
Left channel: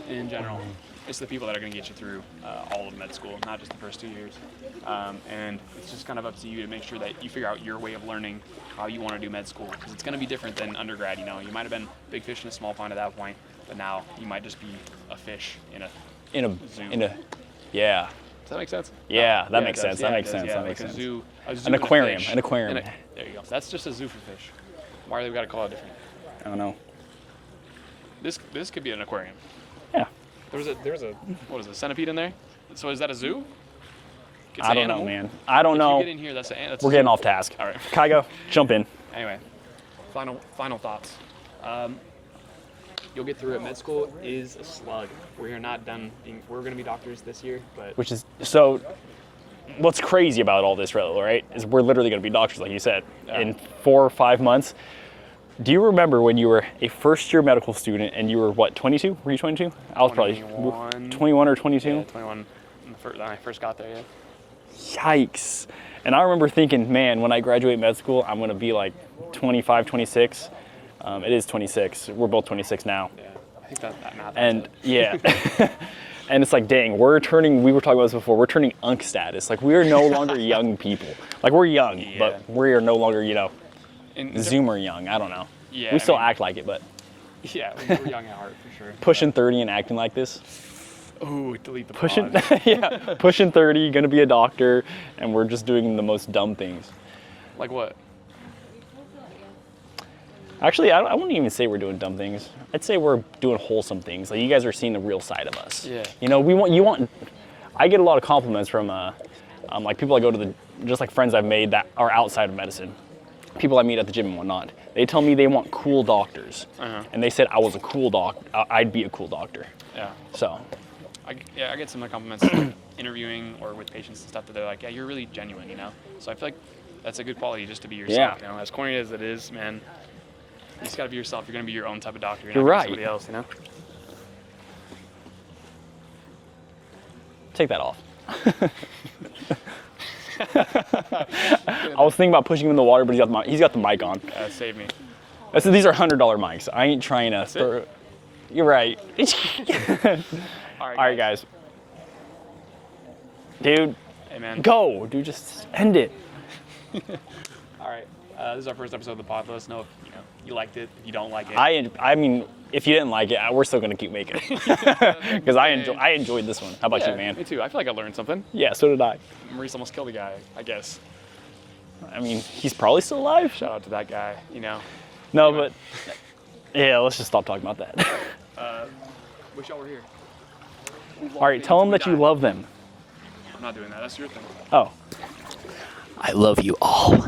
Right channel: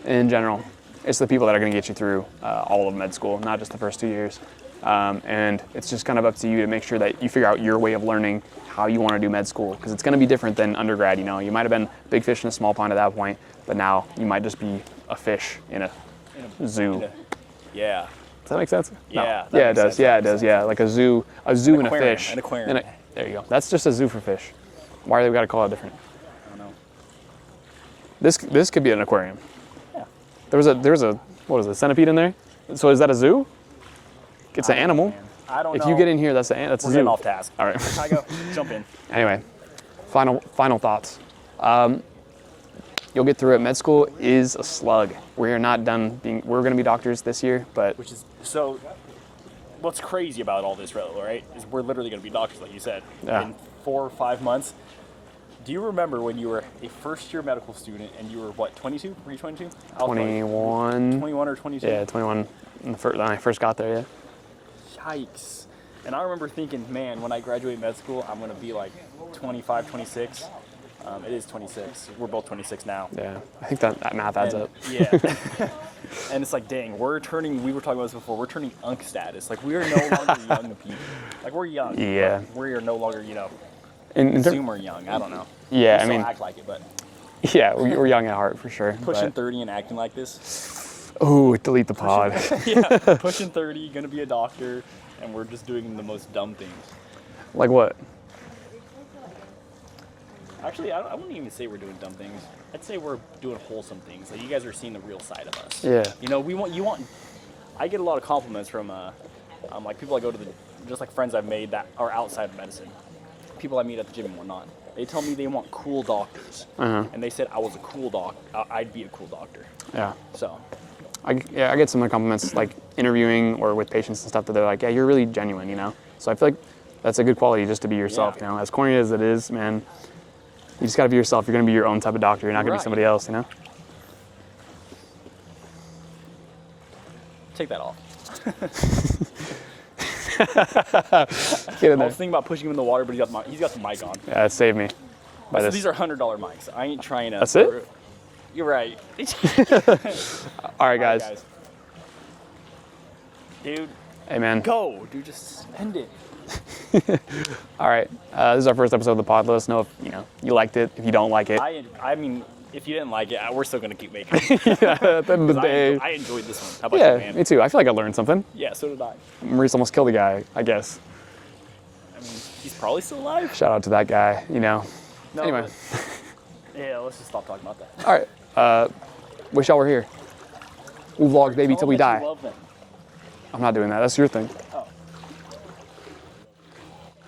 in general, it's the people that are going to get you through all of med school, not just the first 2 years. And it's just kind of up to you to make sure that you figure out your way of learning how you want to do med school, because it's going to be different than undergrad. You know, you might have been big fish in a small pond at that point, but now you might just be a fish in a zoo. Yeah. Does that make sense? Yeah, No. that Yeah, makes it does. sense, Yeah, that it does. makes Yeah, sense, like that a zoo and aquarium, a fish. an aquarium. There you go. That's just a zoo for fish. Why do we got to call it different? I don't know. This could be an aquarium. Yeah. There's a what is it, centipede in there? So is that a zoo? It's I an don't know, animal. man. I don't If know. you get in here, that's a We're zoo. getting off task. All right. Kygo, jump in. Anyway, final thoughts. You'll get through it. Med school is a slug. We're not done being. We're going to be doctors this year, but Which is so. What's crazy about all this, right? Is we're literally going to be doctors, like you said, Yeah. in 4 or 5 months. Do you remember when you were a first-year medical student and you were what, 22? Were you 22? I was 21. 21 or 22. Yeah, 21. When I first got there, yeah. Yikes! And I remember thinking, man, when I graduate med school, I'm going to be like 25, 26. It is 26. We're both 26 now. Yeah, I think that math adds And up. yeah. And it's like, dang, we were turning about this before, we're turning unk status. Like, we are no longer young people. Like, we're young, Yeah. but we are no longer, In ter- Zoomer young. I don't know. Yeah, we I still mean- act like it, but Yeah, we're young at heart for sure. pushing 30 and acting like this. Oh, delete the pod. Yeah, pushing 30, gonna be a doctor, and we're just doing the most dumb things. Like what? Actually, I wouldn't even say we're doing dumb things. I'd say we're doing wholesome things. Like, you guys are seeing the real side of us. Yeah. I get a lot of compliments from like people I go to just like friends I've made that are outside of medicine. People I meet at the gym and whatnot. They tell me they want cool doctors. And they said I was a cool I'd be a cool doctor. Yeah. So, I get some compliments like interviewing or with patients and stuff that they're like, yeah, you're really genuine, you know? So I feel like that's a good quality just to be yourself, Yeah. you know? As corny as it is, man, you just gotta be yourself. You're gonna be your own type of doctor. You're not You're gonna right. be somebody else, you know? take that off. Get it I was thinking about pushing him in the water, but he's got the mic on. Yeah, save me. So these are $100 mics. I ain't trying to. That's it? You're right. All right, guys. All right, guys. Dude, Hey, man. go. Dude, just end it. All right. This is our first episode of the pod. Let us know if you liked it. If you don't like it, I mean, if you didn't like it, we're still gonna keep making it because I enjoyed this one. How about you, yeah, man? me too. I feel like I learned something. Yeah, so did I. Maurice almost killed a guy, I guess. I mean, he's probably still alive. Shout out to that guy. No, Anyway. but yeah, let's just stop talking about that. All right. Wish y'all were here. We'll vlog All right, baby tell till them we that die. you love them. I'm not doing that. That's your thing. Oh. I love you all.